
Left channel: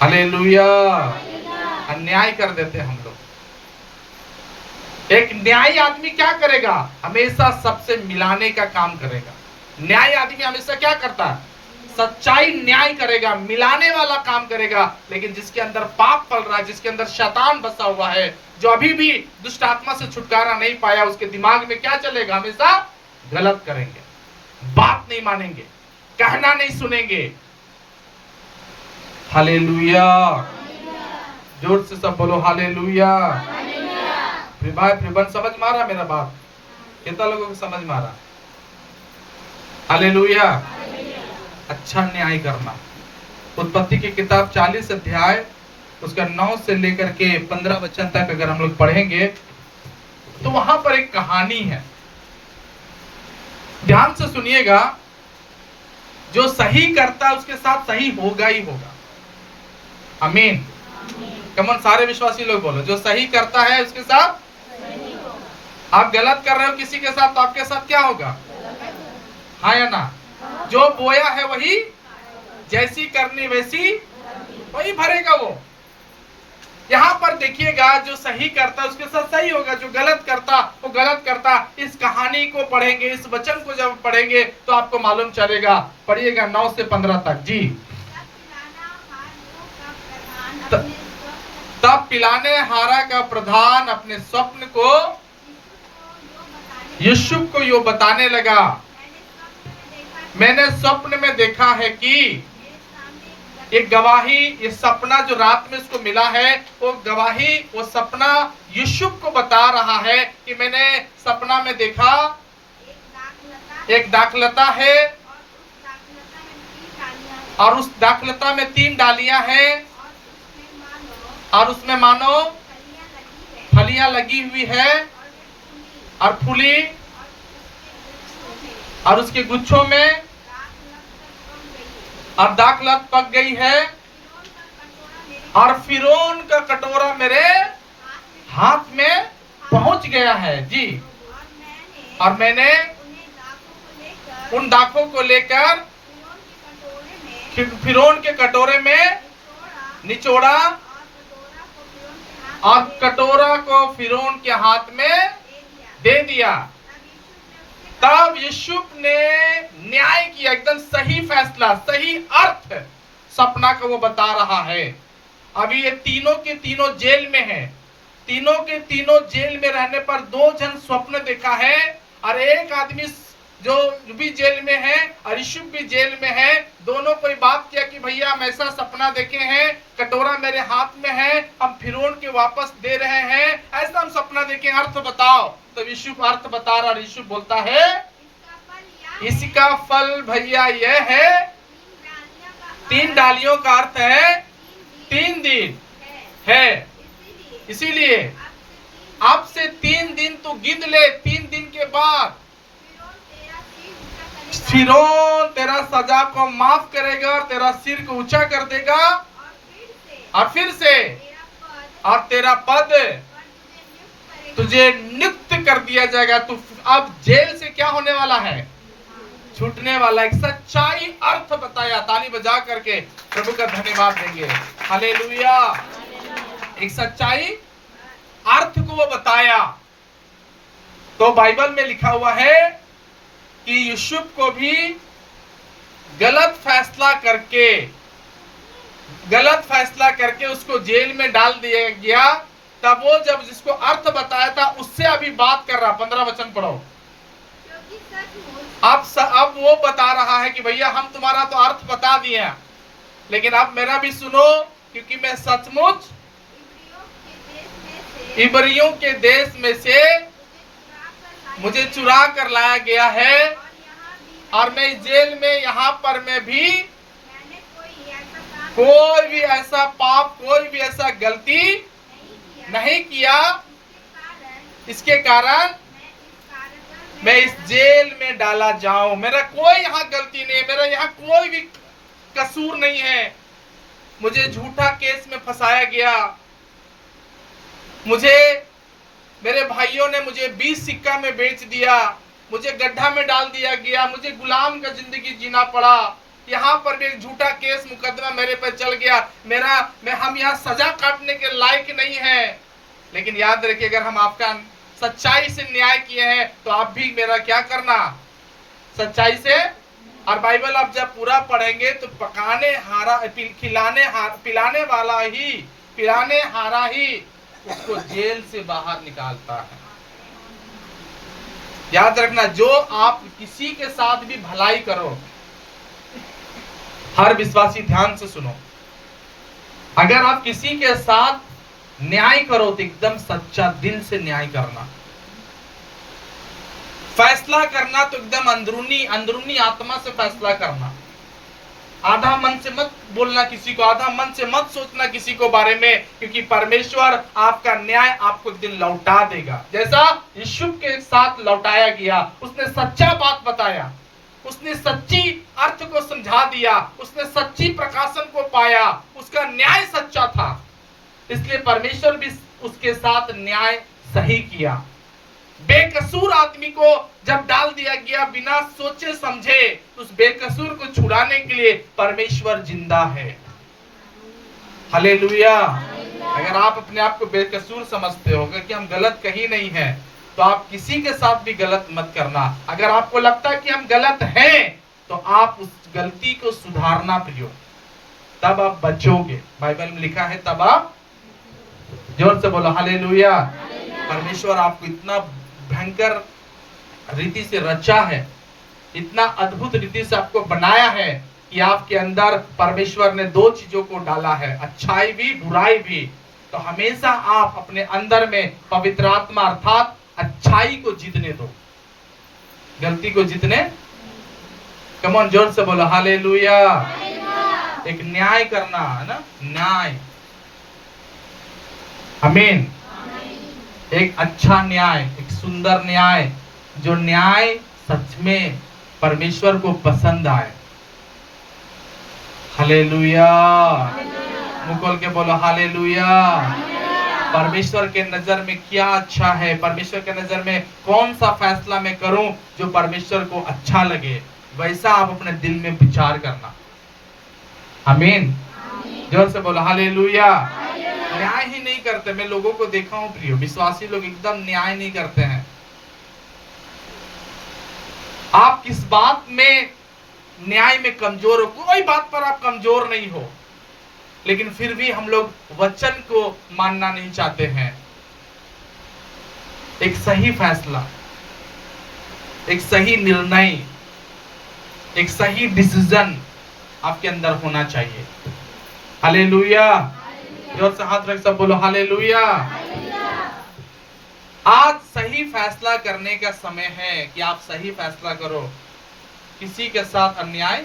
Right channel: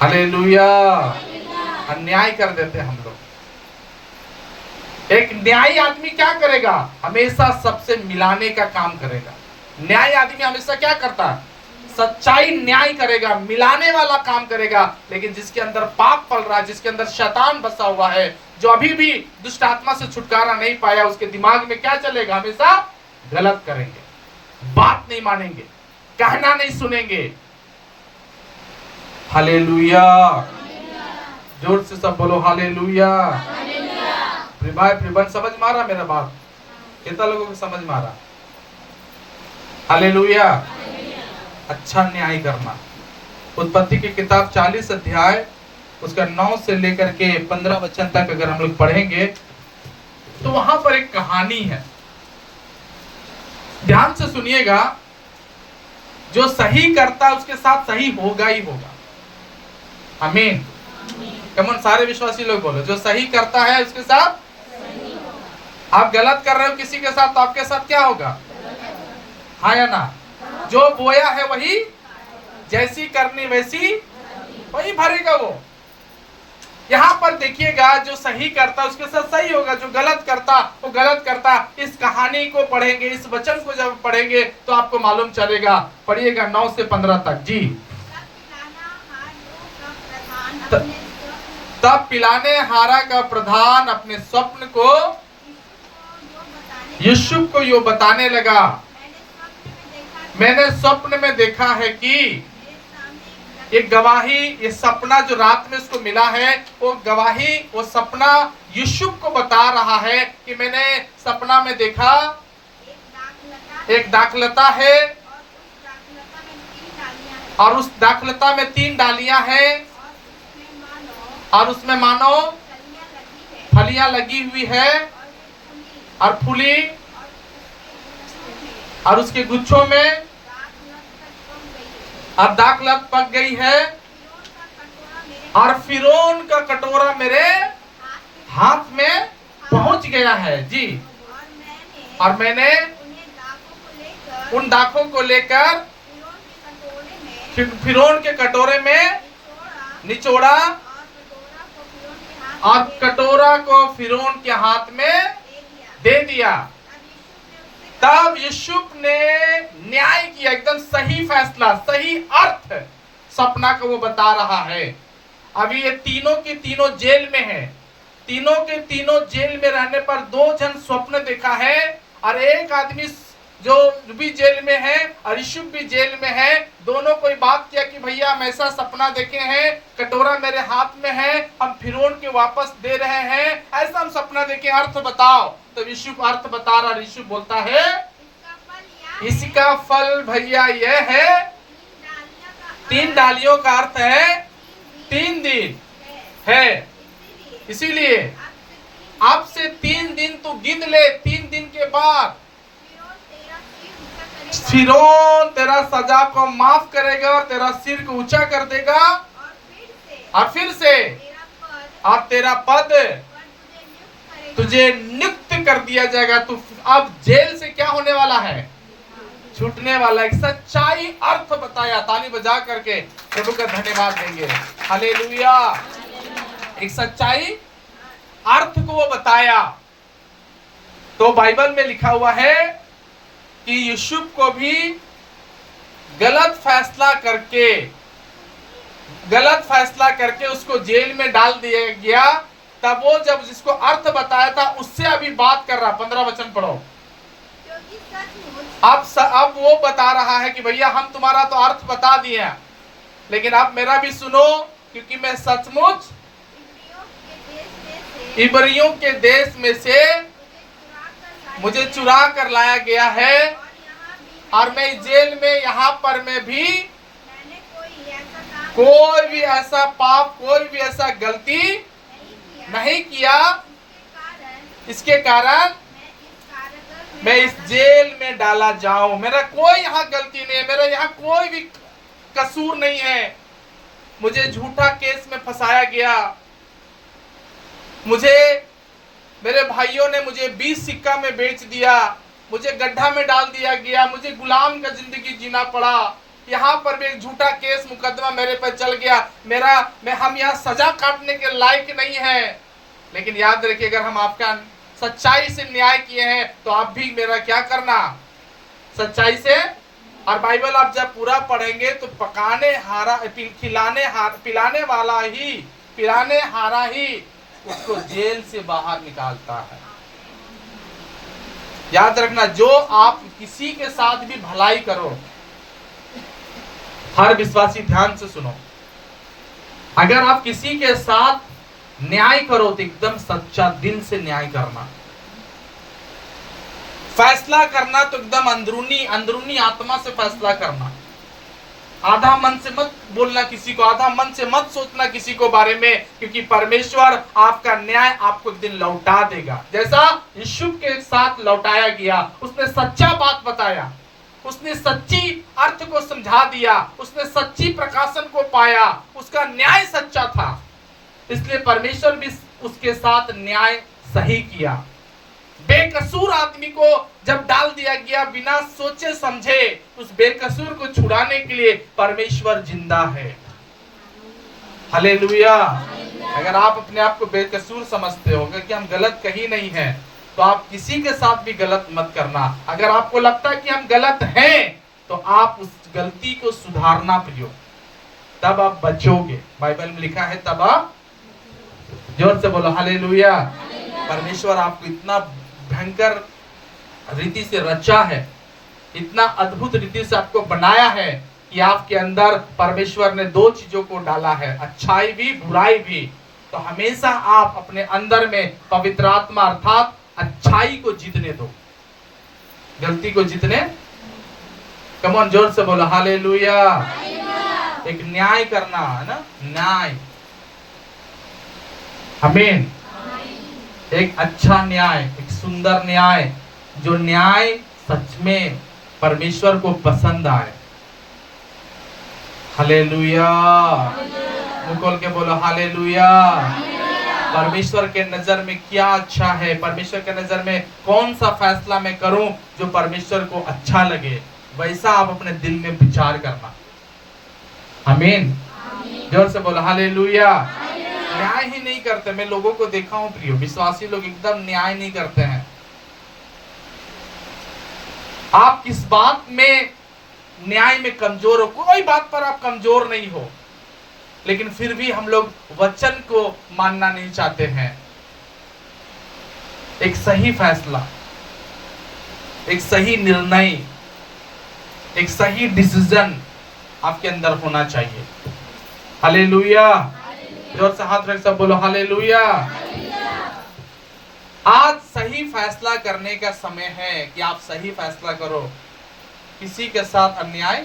हालेलुया। अन्याय कर देते हम लोग। एक न्यायी आदमी क्या करेगा? हमेशा सबसे मिलाने का काम करेगा। न्यायी आदमी हमेशा क्या करता है? सच्चाई न्याय करेगा, मिलाने वाला काम करेगा। लेकिन जिसके अंदर पाप पल रहा है, जिसके अंदर शैतान बसा हुआ है, जो अभी भी दुष्ट आत्मा से छुटकारा नहीं पाया, उसके दिमाग में क्या चलेगा? हमेशा गलत करेंगे, बात नहीं मानेंगे, कहना नहीं सुनेंगे। हालेलुया। जोर से सब बोलो हालेलुया। समझ मारा मेरा बात? कितना लोगों को समझ मारा? हालेलुया। अच्छा न्याय करना। उत्पत्ति की किताब 40 अध्याय उसका 9 से लेकर के 15 वचन तक अगर हम लोग पढ़ेंगे तो वहां पर एक कहानी है। ध्यान से सुनिएगा। जो सही करता है उसके साथ सही होगा ही होगा। आमीन। कमन सारे विश्वासी लोग बोलो, जो सही करता है उसके साथ। आप गलत कर रहे हो किसी के साथ तो आपके साथ क्या होगा? हाँ या ना? जो बोया है वही, जैसी करनी वैसी वही भरेगा वो। यहाँ पर देखिएगा, जो सही करता उसके साथ सही होगा, जो गलत करता वो गलत करता। इस कहानी को पढ़ेंगे, इस वचन को जब पढ़ेंगे तो आपको मालूम चलेगा। पढ़िएगा 9 से 15 तक जी। तब पिलाने हारा का प्रधान अपने स्वप्न को यूसुफ को यो बताने लगा, मैंने स्वप्न में देखा है कि एक गवाही, ये सपना जो रात में उसको मिला है, वो गवाही, वो सपना यूसुफ को बता रहा है कि मैंने सपना में देखा एक दाखलता है और उस दाखलता में 3 डालियां हैं और उसमें मानो फलियां लगी हुई है और फूली, और उसके गुच्छों में और दाखलत पक गई है और फिरौन का कटोरा मेरे हाथ में पहुंच गया है जी। और मैंने उन दाखों को लेकर फिरौन के कटोरे में निचोड़ा और कटोरा को फिरौन के हाथ में दे दिया। तब यूसुफ ने न्याय किया, एकदम सही फैसला, सही अर्थ सपना को वो बता रहा है। अभी ये तीनों के तीनों जेल में है। तीनों के तीनों जेल में रहने पर 2 जन स्वप्न देखा है और एक आदमी जो भी जेल में है और यूसुफ भी जेल में है। दोनों कोई बात किया कि भैया हम ऐसा सपना देखे हैं, कटोरा मेरे हाथ में है, हम फिरौन के वापस दे रहे हैं, ऐसा हम सपना देखे, अर्थ बताओ। तो यूसुफ अर्थ बता रहा। यूसुफ बोलता है इसका फल भैया यह है, 3 डालियों का अर्थ है 3 दिन है। इसीलिए अब से 3 दिन तो गिन ले, 3 दिन के बाद फिरौन तेरा सजा को माफ करेगा, तेरा सिर को ऊंचा कर देगा और फिर से और तेरा पद तुझे नियुक्त कर दिया जाएगा। तू अब जेल से क्या होने वाला है? छूटने वाला। एक सच्चाई अर्थ बताया। ताली बजा करके प्रभु का धन्यवाद देंगे। हालेलुया। एक सच्चाई अर्थ को वो बताया। तो बाइबल में लिखा हुआ है कि यूसुफ को भी गलत फैसला करके उसको जेल में डाल दिया गया। तब वो जब जिसको अर्थ बताया था उससे अभी बात कर रहा। 15 वचन पढ़ो। कि सचमुच अब वो बता रहा है कि भैया हम तुम्हारा तो अर्थ बता दिए हैं, लेकिन अब मेरा भी सुनो, क्योंकि मैं सचमुच इब्रियों के देश में से मुझे चुरा कर लाया गया है, और मैं जेल में यहाँ पर मैं भी मैंने कोई भी ऐसा पाप, कोई भी ऐसा गलती नहीं किया। इसके कारण मैं इस जेल में डाला जाऊं। मेरा कोई यहाँ गलती नहीं है, मेरा यहाँ कोई भी कसूर नहीं है। मुझे झूठा केस में फंसाया गया, मुझे मेरे भाइयों ने मुझे 20 सिक्का में बेच दिया, मुझे गड्ढा में डाल दिया गया, मुझे गुलाम का जिंदगी जीना पड़ा। यहाँ पर भी एक झूठा केस मुकदमा मेरे पर चल गया। हम यहाँ सजा काटने के लायक नहीं है। लेकिन याद रखिए, अगर हम आपका सच्चाई से न्याय किए हैं तो आप भी मेरा क्या करना, सच्चाई से। और बाइबल आप जब पूरा पढ़ेंगे तो पिलाने हारा ही उसको जेल से बाहर निकालता है। याद रखना, जो आप किसी के साथ भी भलाई करो, हर विश्वासी ध्यान से सुनो, अगर आप किसी के साथ न्याय करो तो एकदम सच्चा दिल से न्याय करना। फैसला करना तो एकदम अंदरूनी आत्मा से फैसला करना। आधा मन से मत बोलना किसी को, आधा मन से मत सोचना किसी को बारे में, क्योंकि परमेश्वर आपका न्याय आपको एक दिन लौटा देगा। जैसा यीशु के साथ लौटाया गया, उसने सच्चा बात बताया, उसने सच्ची अर्थ को समझा दिया, उसने सच्ची प्रकाशन को पाया, उसका न्याय सच्चा था, इसलिए परमेश्वर भी उसके साथ न्याय सही किया। बेकसूर आदमी को जब डाल दिया गया बिना सोचे समझे, उस बेकसूर को छुड़ाने के लिए परमेश्वर जिंदा है। हालेलुया। अगर आप अपने आप को बेकसूर समझते हो कि हम गलत कहीं नहीं है, तो आप किसी के साथ भी गलत मत करना। अगर आपको लगता है कि हम गलत हैं, तो आप उस गलती को सुधारना प्रियो, तब आप बचोगे। बाइबल में लिखा है तब आप, जोर से बोलो हालेलुया। परमेश्वर आपको इतना भयंकर रीति से रचा है, इतना अद्भुत रीति से आपको बनाया है कि आपके अंदर परमेश्वर ने 2 चीजों को डाला है, अच्छाई भी बुराई भी। तो हमेशा आप अपने अंदर में पवित्र आत्मा अर्थात अच्छाई को जीतने दो, गलती को जीतने। कम ऑन, जोर से बोलो हालेलुया। एक न्याय करना है ना, न्याय, आमीन। एक अच्छा न्याय, एक सुंदर न्याय, जो न्याय सच में परमेश्वर को पसंद आए। हालेलुया। मुंह खोल के बोलो हालेलुया। परमेश्वर के नजर में क्या अच्छा है, परमेश्वर के नजर में कौन सा फैसला मैं करूं जो परमेश्वर को अच्छा लगे, वैसा आप अपने दिल में विचार करना। आमीन। जोर से बोलो हालेलुया। न्याय ही नहीं करते, मैं लोगों को देखा हूं प्रियो, विश्वासी लोग एकदम न्याय नहीं करते हैं। आप किस बात में न्याय में कमजोर हो? कोई बात पर आप कमजोर नहीं हो, लेकिन फिर भी हम लोग वचन को मानना नहीं चाहते हैं। एक सही फैसला, एक सही निर्णय, एक सही डिसीजन आपके अंदर होना चाहिए। हालेलुया। जोर से हाथ रख सब बोलो हालेलुया। आज सही फैसला करने का समय है कि आप सही फैसला करो। किसी के साथ अन्याय,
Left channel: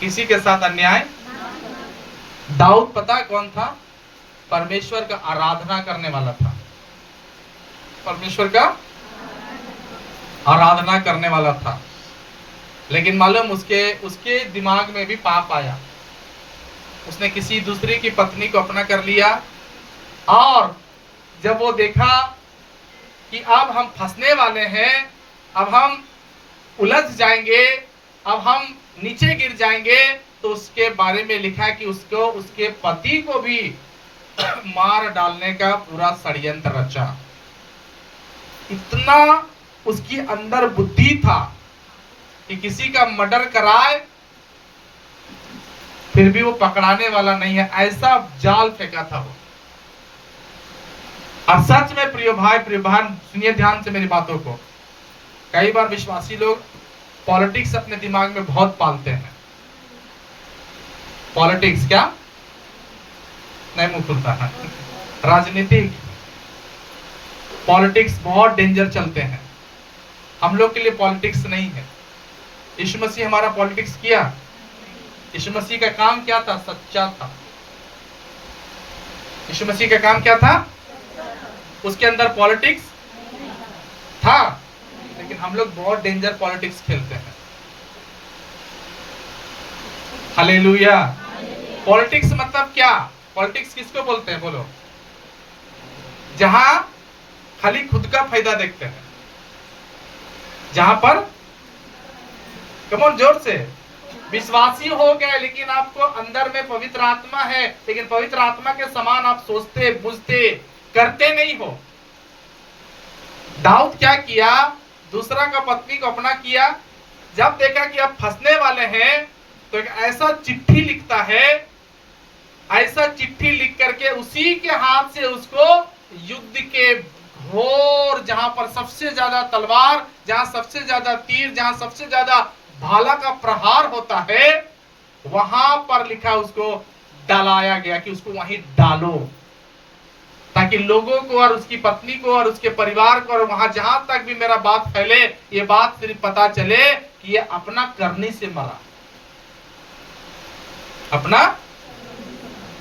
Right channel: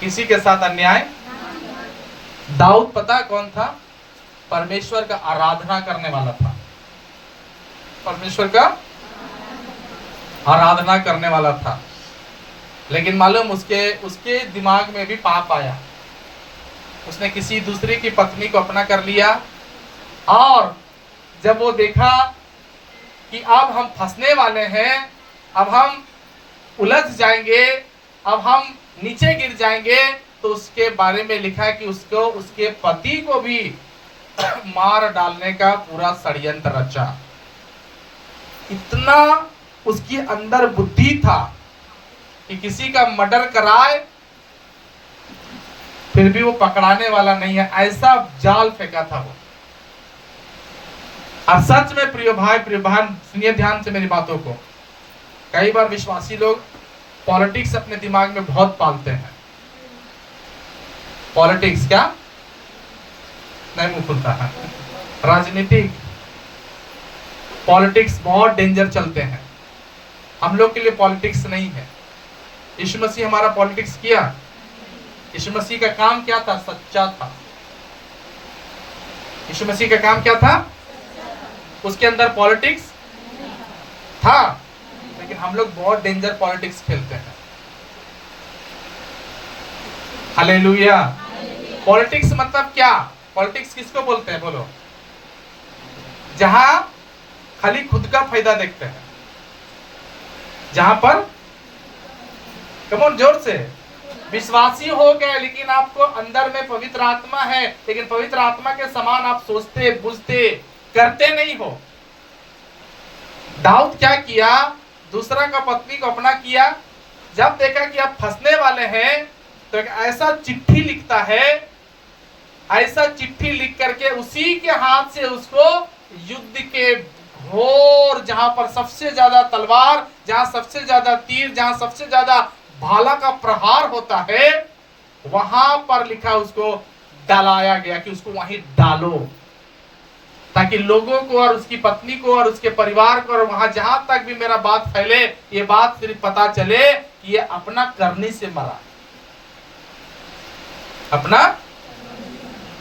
किसी के साथ अन्याय। दाऊद पता कौन था? परमेश्वर का आराधना करने वाला था, परमेश्वर का आराधना करने वाला था। लेकिन मालूम उसके दिमाग में भी पाप आया। उसने किसी दूसरे की पत्नी को अपना कर लिया, और जब वो देखा कि अब हम फंसने वाले हैं, अब हम उलझ जाएंगे, अब हम नीचे गिर जाएंगे, तो उसके बारे में लिखा है कि उसको उसके पति को भी मार डालने का पूरा षड्यंत्र रचा। इतना उसकी अंदर बुद्धि था कि किसी का मर्डर कराए फिर भी वो पकड़ाने वाला नहीं है, ऐसा जाल फेंका था वो। अब सच में प्रिय भाई प्रिय बहन, सुनिए ध्यान से मेरी बातों को। कई बार विश्वासी लोग पॉलिटिक्स अपने दिमाग में बहुत पालते हैं। पॉलिटिक्स क्या नहीं मुंह खुलता है, राजनीतिक पॉलिटिक्स बहुत डेंजर चलते हैं। हम लोग के लिए पॉलिटिक्स नहीं है। यीशु मसीह हमारा पॉलिटिक्स किया। यीशु मसीह का काम क्या था? सच्चा था। यीशु मसीह का काम क्या था? उसके अंदर पॉलिटिक्स था, लेकिन हम लोग बहुत डेंजर पॉलिटिक्स खेलते हैं। हालेलुया। पॉलिटिक्स मतलब क्या? पॉलिटिक्स किसको बोलते हैं बोलो? जहां खाली खुद का फायदा देखते हैं, जहां पर कमोन जोर से विश्वासी हो गए लेकिन आपको अंदर में पवित्र आत्मा है, लेकिन पवित्र आत्मा के समान आप सोचते बुझते करते नहीं हो। दाऊद क्या किया? दूसरा का पत्नी को अपना किया। जब देखा कि अब फंसने वाले हैं तो एक ऐसा चिट्ठी लिखता है, ऐसा चिट्ठी लिख करके उसी के हाथ से उसको युद्ध के घोर, जहां पर सबसे ज्यादा तलवार, जहां सबसे ज्यादा तीर, जहां सबसे ज्यादा भाला का प्रहार होता है, वहां पर लिखा उसको डालाया गया कि उसको वहीं डालो, ताकि लोगों को और उसकी पत्नी को और उसके परिवार को और वहां जहां तक भी मेरा बात फैले, ये बात सिर्फ पता चले कि ये अपना करने से मरा।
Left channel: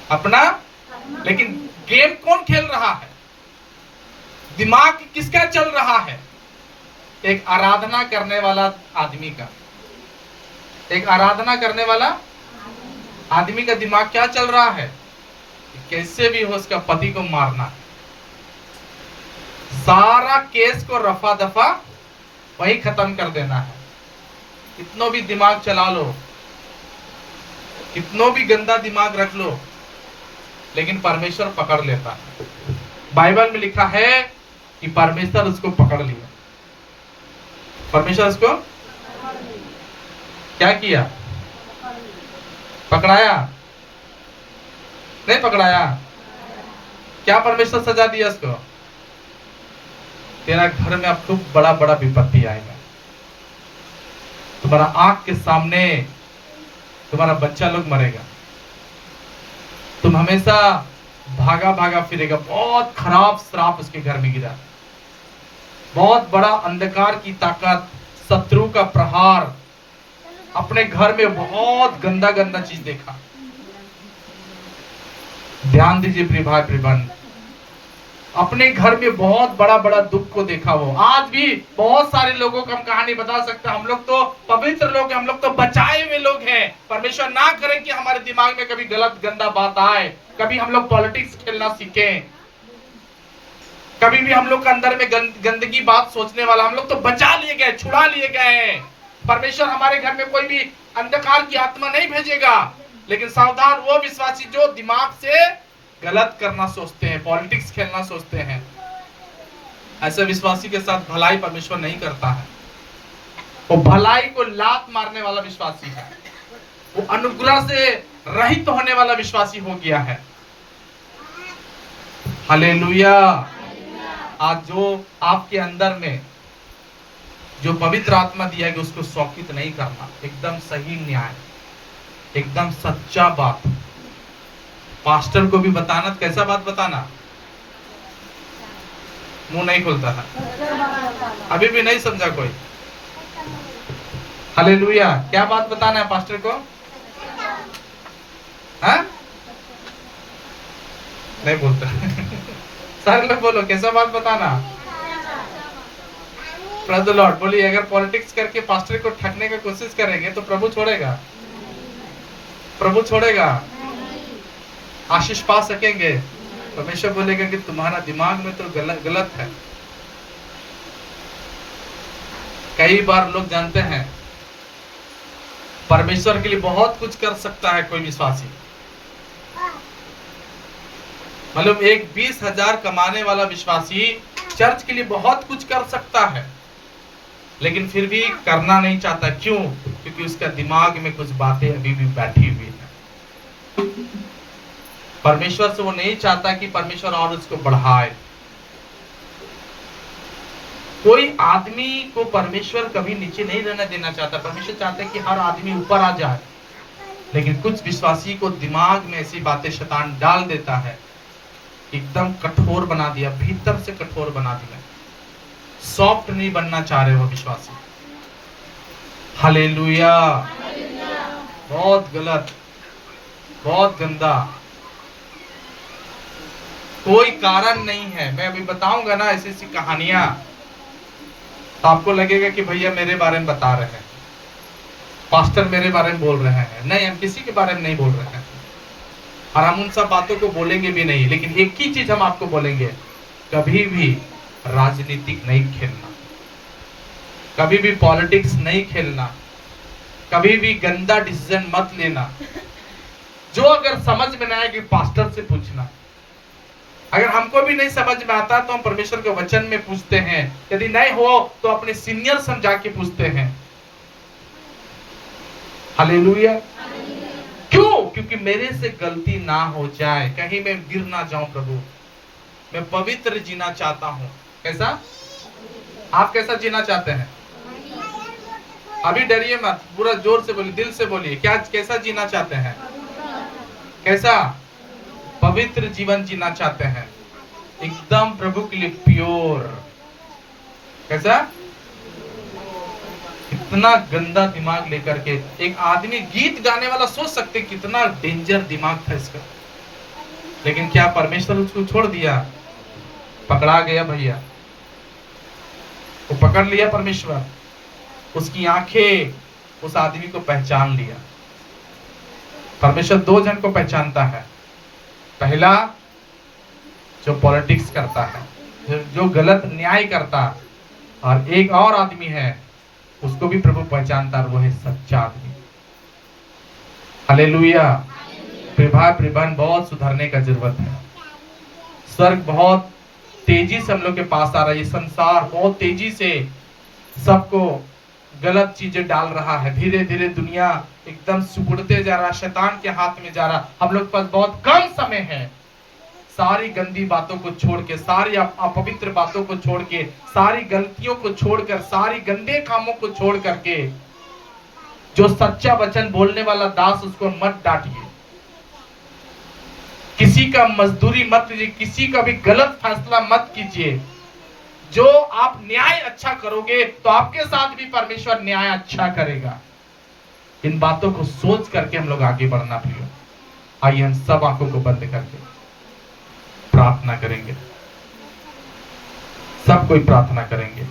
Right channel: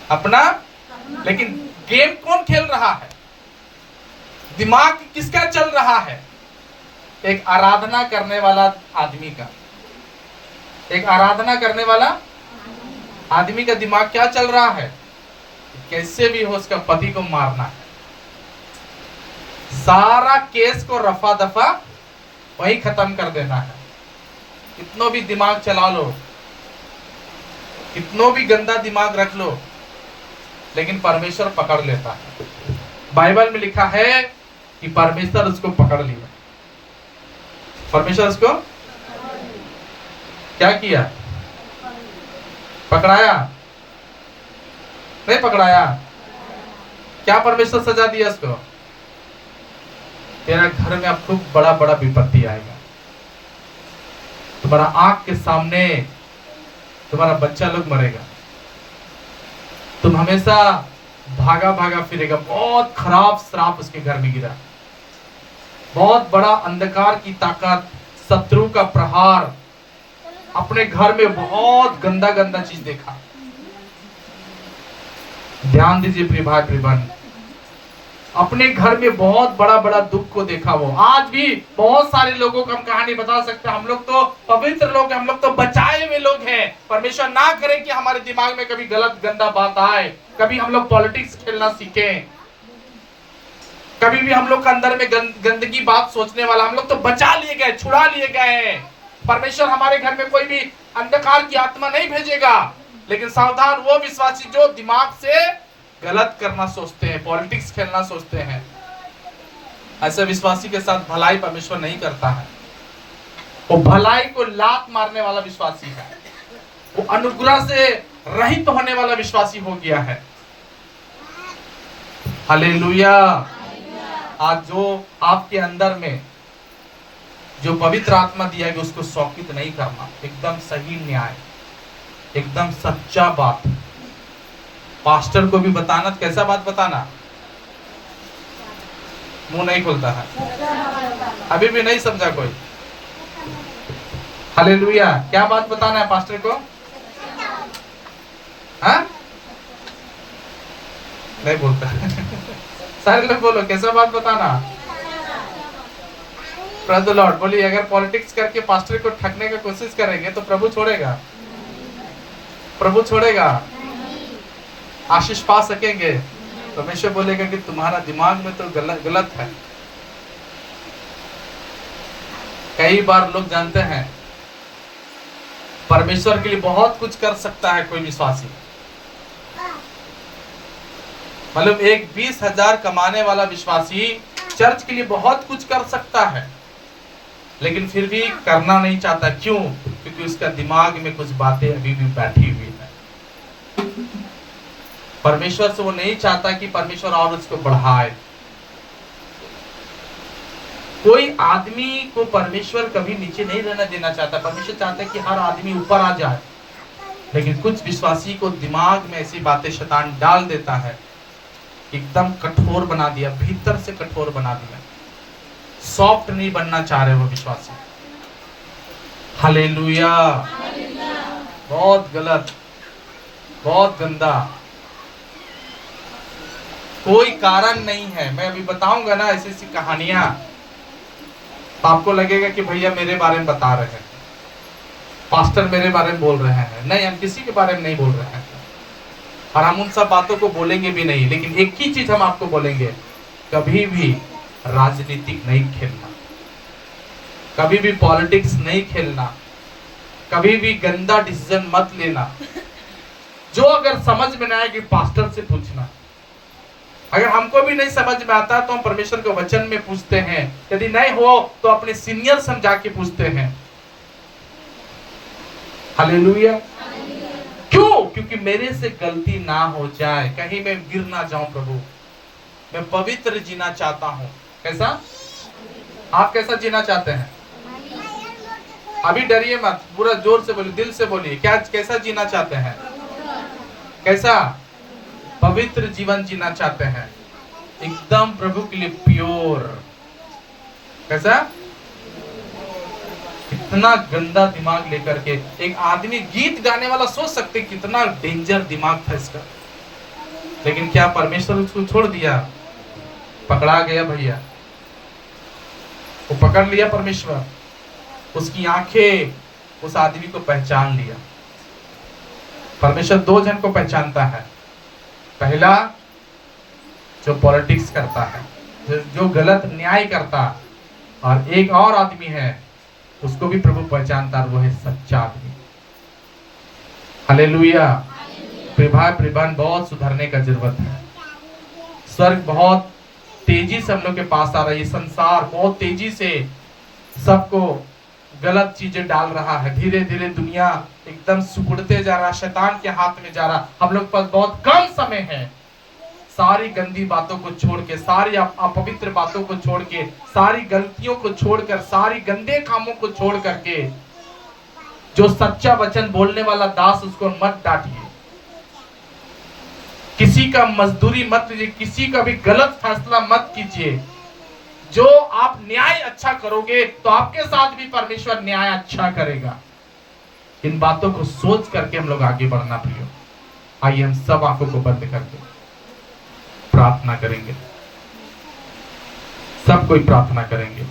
अपना लेकिन गेम कौन खेल रहा है? दिमाग किसका चल रहा है? एक आराधना करने वाला आदमी का। एक आराधना करने वाला आदमी का दिमाग क्या चल रहा है? कैसे भी हो उसका पति को मारना है। सारा केस को रफा दफा वही खत्म कर देना है। कितनों भी दिमाग चला लो, कितनों भी गंदा दिमाग रख लो, लेकिन परमेश्वर पकड़ लेता है। बाइबल में लिखा है कि परमेश्वर उसको पकड़ लिया। परमेश्वर उसको क्या किया? पकड़ाया? नहीं पकड़ाया? क्या परमेश्वर सजा दिया उसको? तेरा घर में अब खूब बड़ा बड़ा विपत्ति आएगा, तुम्हारा आंख के सामने तुम्हारा बच्चा लोग मरेगा, तुम हमेशा भागा भागा फिरेगा। बहुत खराब श्राप उसके घर में गिरा। बहुत बड़ा अंधकार की ताकत, शत्रु का प्रहार, अपने घर में बहुत गंदा गंदा चीज देखा। ध्यान दीजिए प्रिय भाई प्रिय बहन, अपने घर में बहुत बड़ा बड़ा दुख को देखा। वो आज भी बहुत सारे लोगों को हम कहानी बता सकते हैं। हम लोग तो पवित्र लोग हैं, हम लोग तो बचाए हुए लोग हैं। परमेश्वर ना करे कि हमारे दिमाग में कभी गलत गंदा बात आए, कभी हम लोग पॉलिटिक्स खेलना सीखें, कभी भी हम लोग के अंदर में गंदगी बात सोचने वाला। हम लोग तो बचा लिए गए, छुड़ा लिए गए। परमेश्वर हमारे घर में कोई भी अंधकार की आत्मा नहीं भेजेगा। लेकिन सावधान वो विश्वासी जो दिमाग से गलत करना सोचते हैं, पॉलिटिक्स खेलना सोचते हैं, ऐसे विश्वासी के साथ भलाई परमेश्वर नहीं करता है। वो भलाई को लात मारने वाला विश्वासी है, वो अनुग्रह से रहित होने वाला विश्वासी हो गया है। हालेलुया। आज जो आपके अंदर में जो पवित्र आत्मा दिया गया उसको शौकित नहीं करना। एकदम सही न्याय, एकदम सच्चा बात। पास्टर को भी बताना तो कैसा बात बताना? मुंह नहीं खुलता है, अभी भी नहीं समझा कोई। हालेलुया। क्या बात बताना है पास्टर को? हाँ नहीं बोलता। सारे लोग बोलो कैसा बात बताना? Praise the Lord. बोलिए अगर पॉलिटिक्स करके पास्टर को ठगने की कोशिश करेंगे तो प्रभु छोड़ेगा? प्रभु छोड़ेगा? आशीष पा सकेंगे? परमेश्वर बोलेगा कि तुम्हारा दिमाग में तो गलत है। कई बार लोग जानते हैं परमेश्वर के लिए बहुत कुछ कर सकता है कोई विश्वासी। मतलब एक 20,000 कमाने वाला विश्वासी चर्च के लिए बहुत कुछ कर सकता है, लेकिन फिर भी करना नहीं चाहता। क्यों? क्योंकि उसका दिमाग में कुछ बातें अभी भी बैठी हुई है। परमेश्वर से वो नहीं चाहता कि परमेश्वर और उसको बढ़ाए। कोई आदमी को परमेश्वर कभी नीचे नहीं रहने देना चाहता। परमेश्वर चाहता है कि हर आदमी ऊपर आ जाए, लेकिन कुछ विश्वासी को दिमाग में ऐसी बातें शैतान डाल देता है, एकदम कठोर बना दिया, भीतर से कठोर बना दिया। सॉफ्ट नहीं बनना चाह रहे वो विश्वासी। हालेलुया। बहुत गलत, बहुत गंदा, कोई कारण नहीं है। मैं अभी बताऊंगा ना ऐसी ऐसी कहानियां, तो आपको लगेगा कि भैया मेरे बारे में बता रहे हैं, पास्टर मेरे बारे में बोल रहे हैं। नहीं, हम किसी के बारे में नहीं बोल रहे हैं, और हम उन सब बातों को बोलेंगे भी नहीं। लेकिन एक ही चीज हम आपको बोलेंगे, कभी भी राजनीतिक नहीं खेलना, कभी भी पॉलिटिक्स नहीं खेलना, कभी भी गंदा डिसीजन मत लेना। जो अगर समझ में ना आए कि पास्टर से पूछना। अगर हमको भी नहीं समझ में आता तो हम परमेश्वर के वचन में पूछते हैं, यदि नहीं हो तो अपने सीनियर समझा के पूछते हैं। हालेलुया। क्यों? क्योंकि मेरे से गलती ना हो जाए, कहीं मैं गिर ना जाऊं। प्रभु, मैं पवित्र जीना चाहता हूं। कैसा? आप कैसा जीना चाहते हैं? अभी डरिए मत, पूरा जोर से बोलिए, दिल से बोलिए। क्या कैसा जीना चाहते हैं? कैसा? पवित्र जीवन जीना चाहते हैं, एकदम प्रभु के लिए प्योर। कैसा? इतना गंदा दिमाग लेकर के एक आदमी गीत गाने वाला, सोच सकते कितना डेंजर दिमाग था इसका। लेकिन क्या परमेश्वर उसको छोड़ दिया? पकड़ा गया भैया, वो पकड़ लिया परमेश्वर। उसकी आंखें उस आदमी को पहचान लिया। परमेश्वर दो जन को पहचानता है। पहला जो पॉलिटिक्स करता है, जो गलत न्याय करता, और एक और आदमी है उसको भी प्रभु पहचानता है, वो है सच्चा आदमी। हालेलुया। प्रभान बहुत सुधरने का जरूरत है। स्वर्ग बहुत तेजी से हम लोग के पास आ रहा है। ये संसार बहुत तेजी से सबको गलत चीजें डाल रहा है। धीरे धीरे दुनिया एकदम सिकुड़ते जा रहा है, शैतान के हाथ में जा रहा। हम लोग के पास बहुत कम समय है। सारी गंदी बातों को छोड़ के, सारी अपवित्र बातों को छोड़ के, सारी गलतियों को छोड़कर, सारी गंदे कामों को छोड़ करके, जो सच्चा वचन बोलने वाला दास, उसको मत डांटिए। किसी का मजदूरी मत लीजिए, किसी का भी गलत फैसला मत कीजिए। जो आप न्याय अच्छा करोगे तो आपके साथ भी परमेश्वर न्याय अच्छा करेगा। इन बातों को सोच करके हम लोग आगे बढ़ना प्रियो। आइए हम सब आंखों को बंद करके प्रार्थना करेंगे। सब कोई प्रार्थना करेंगे।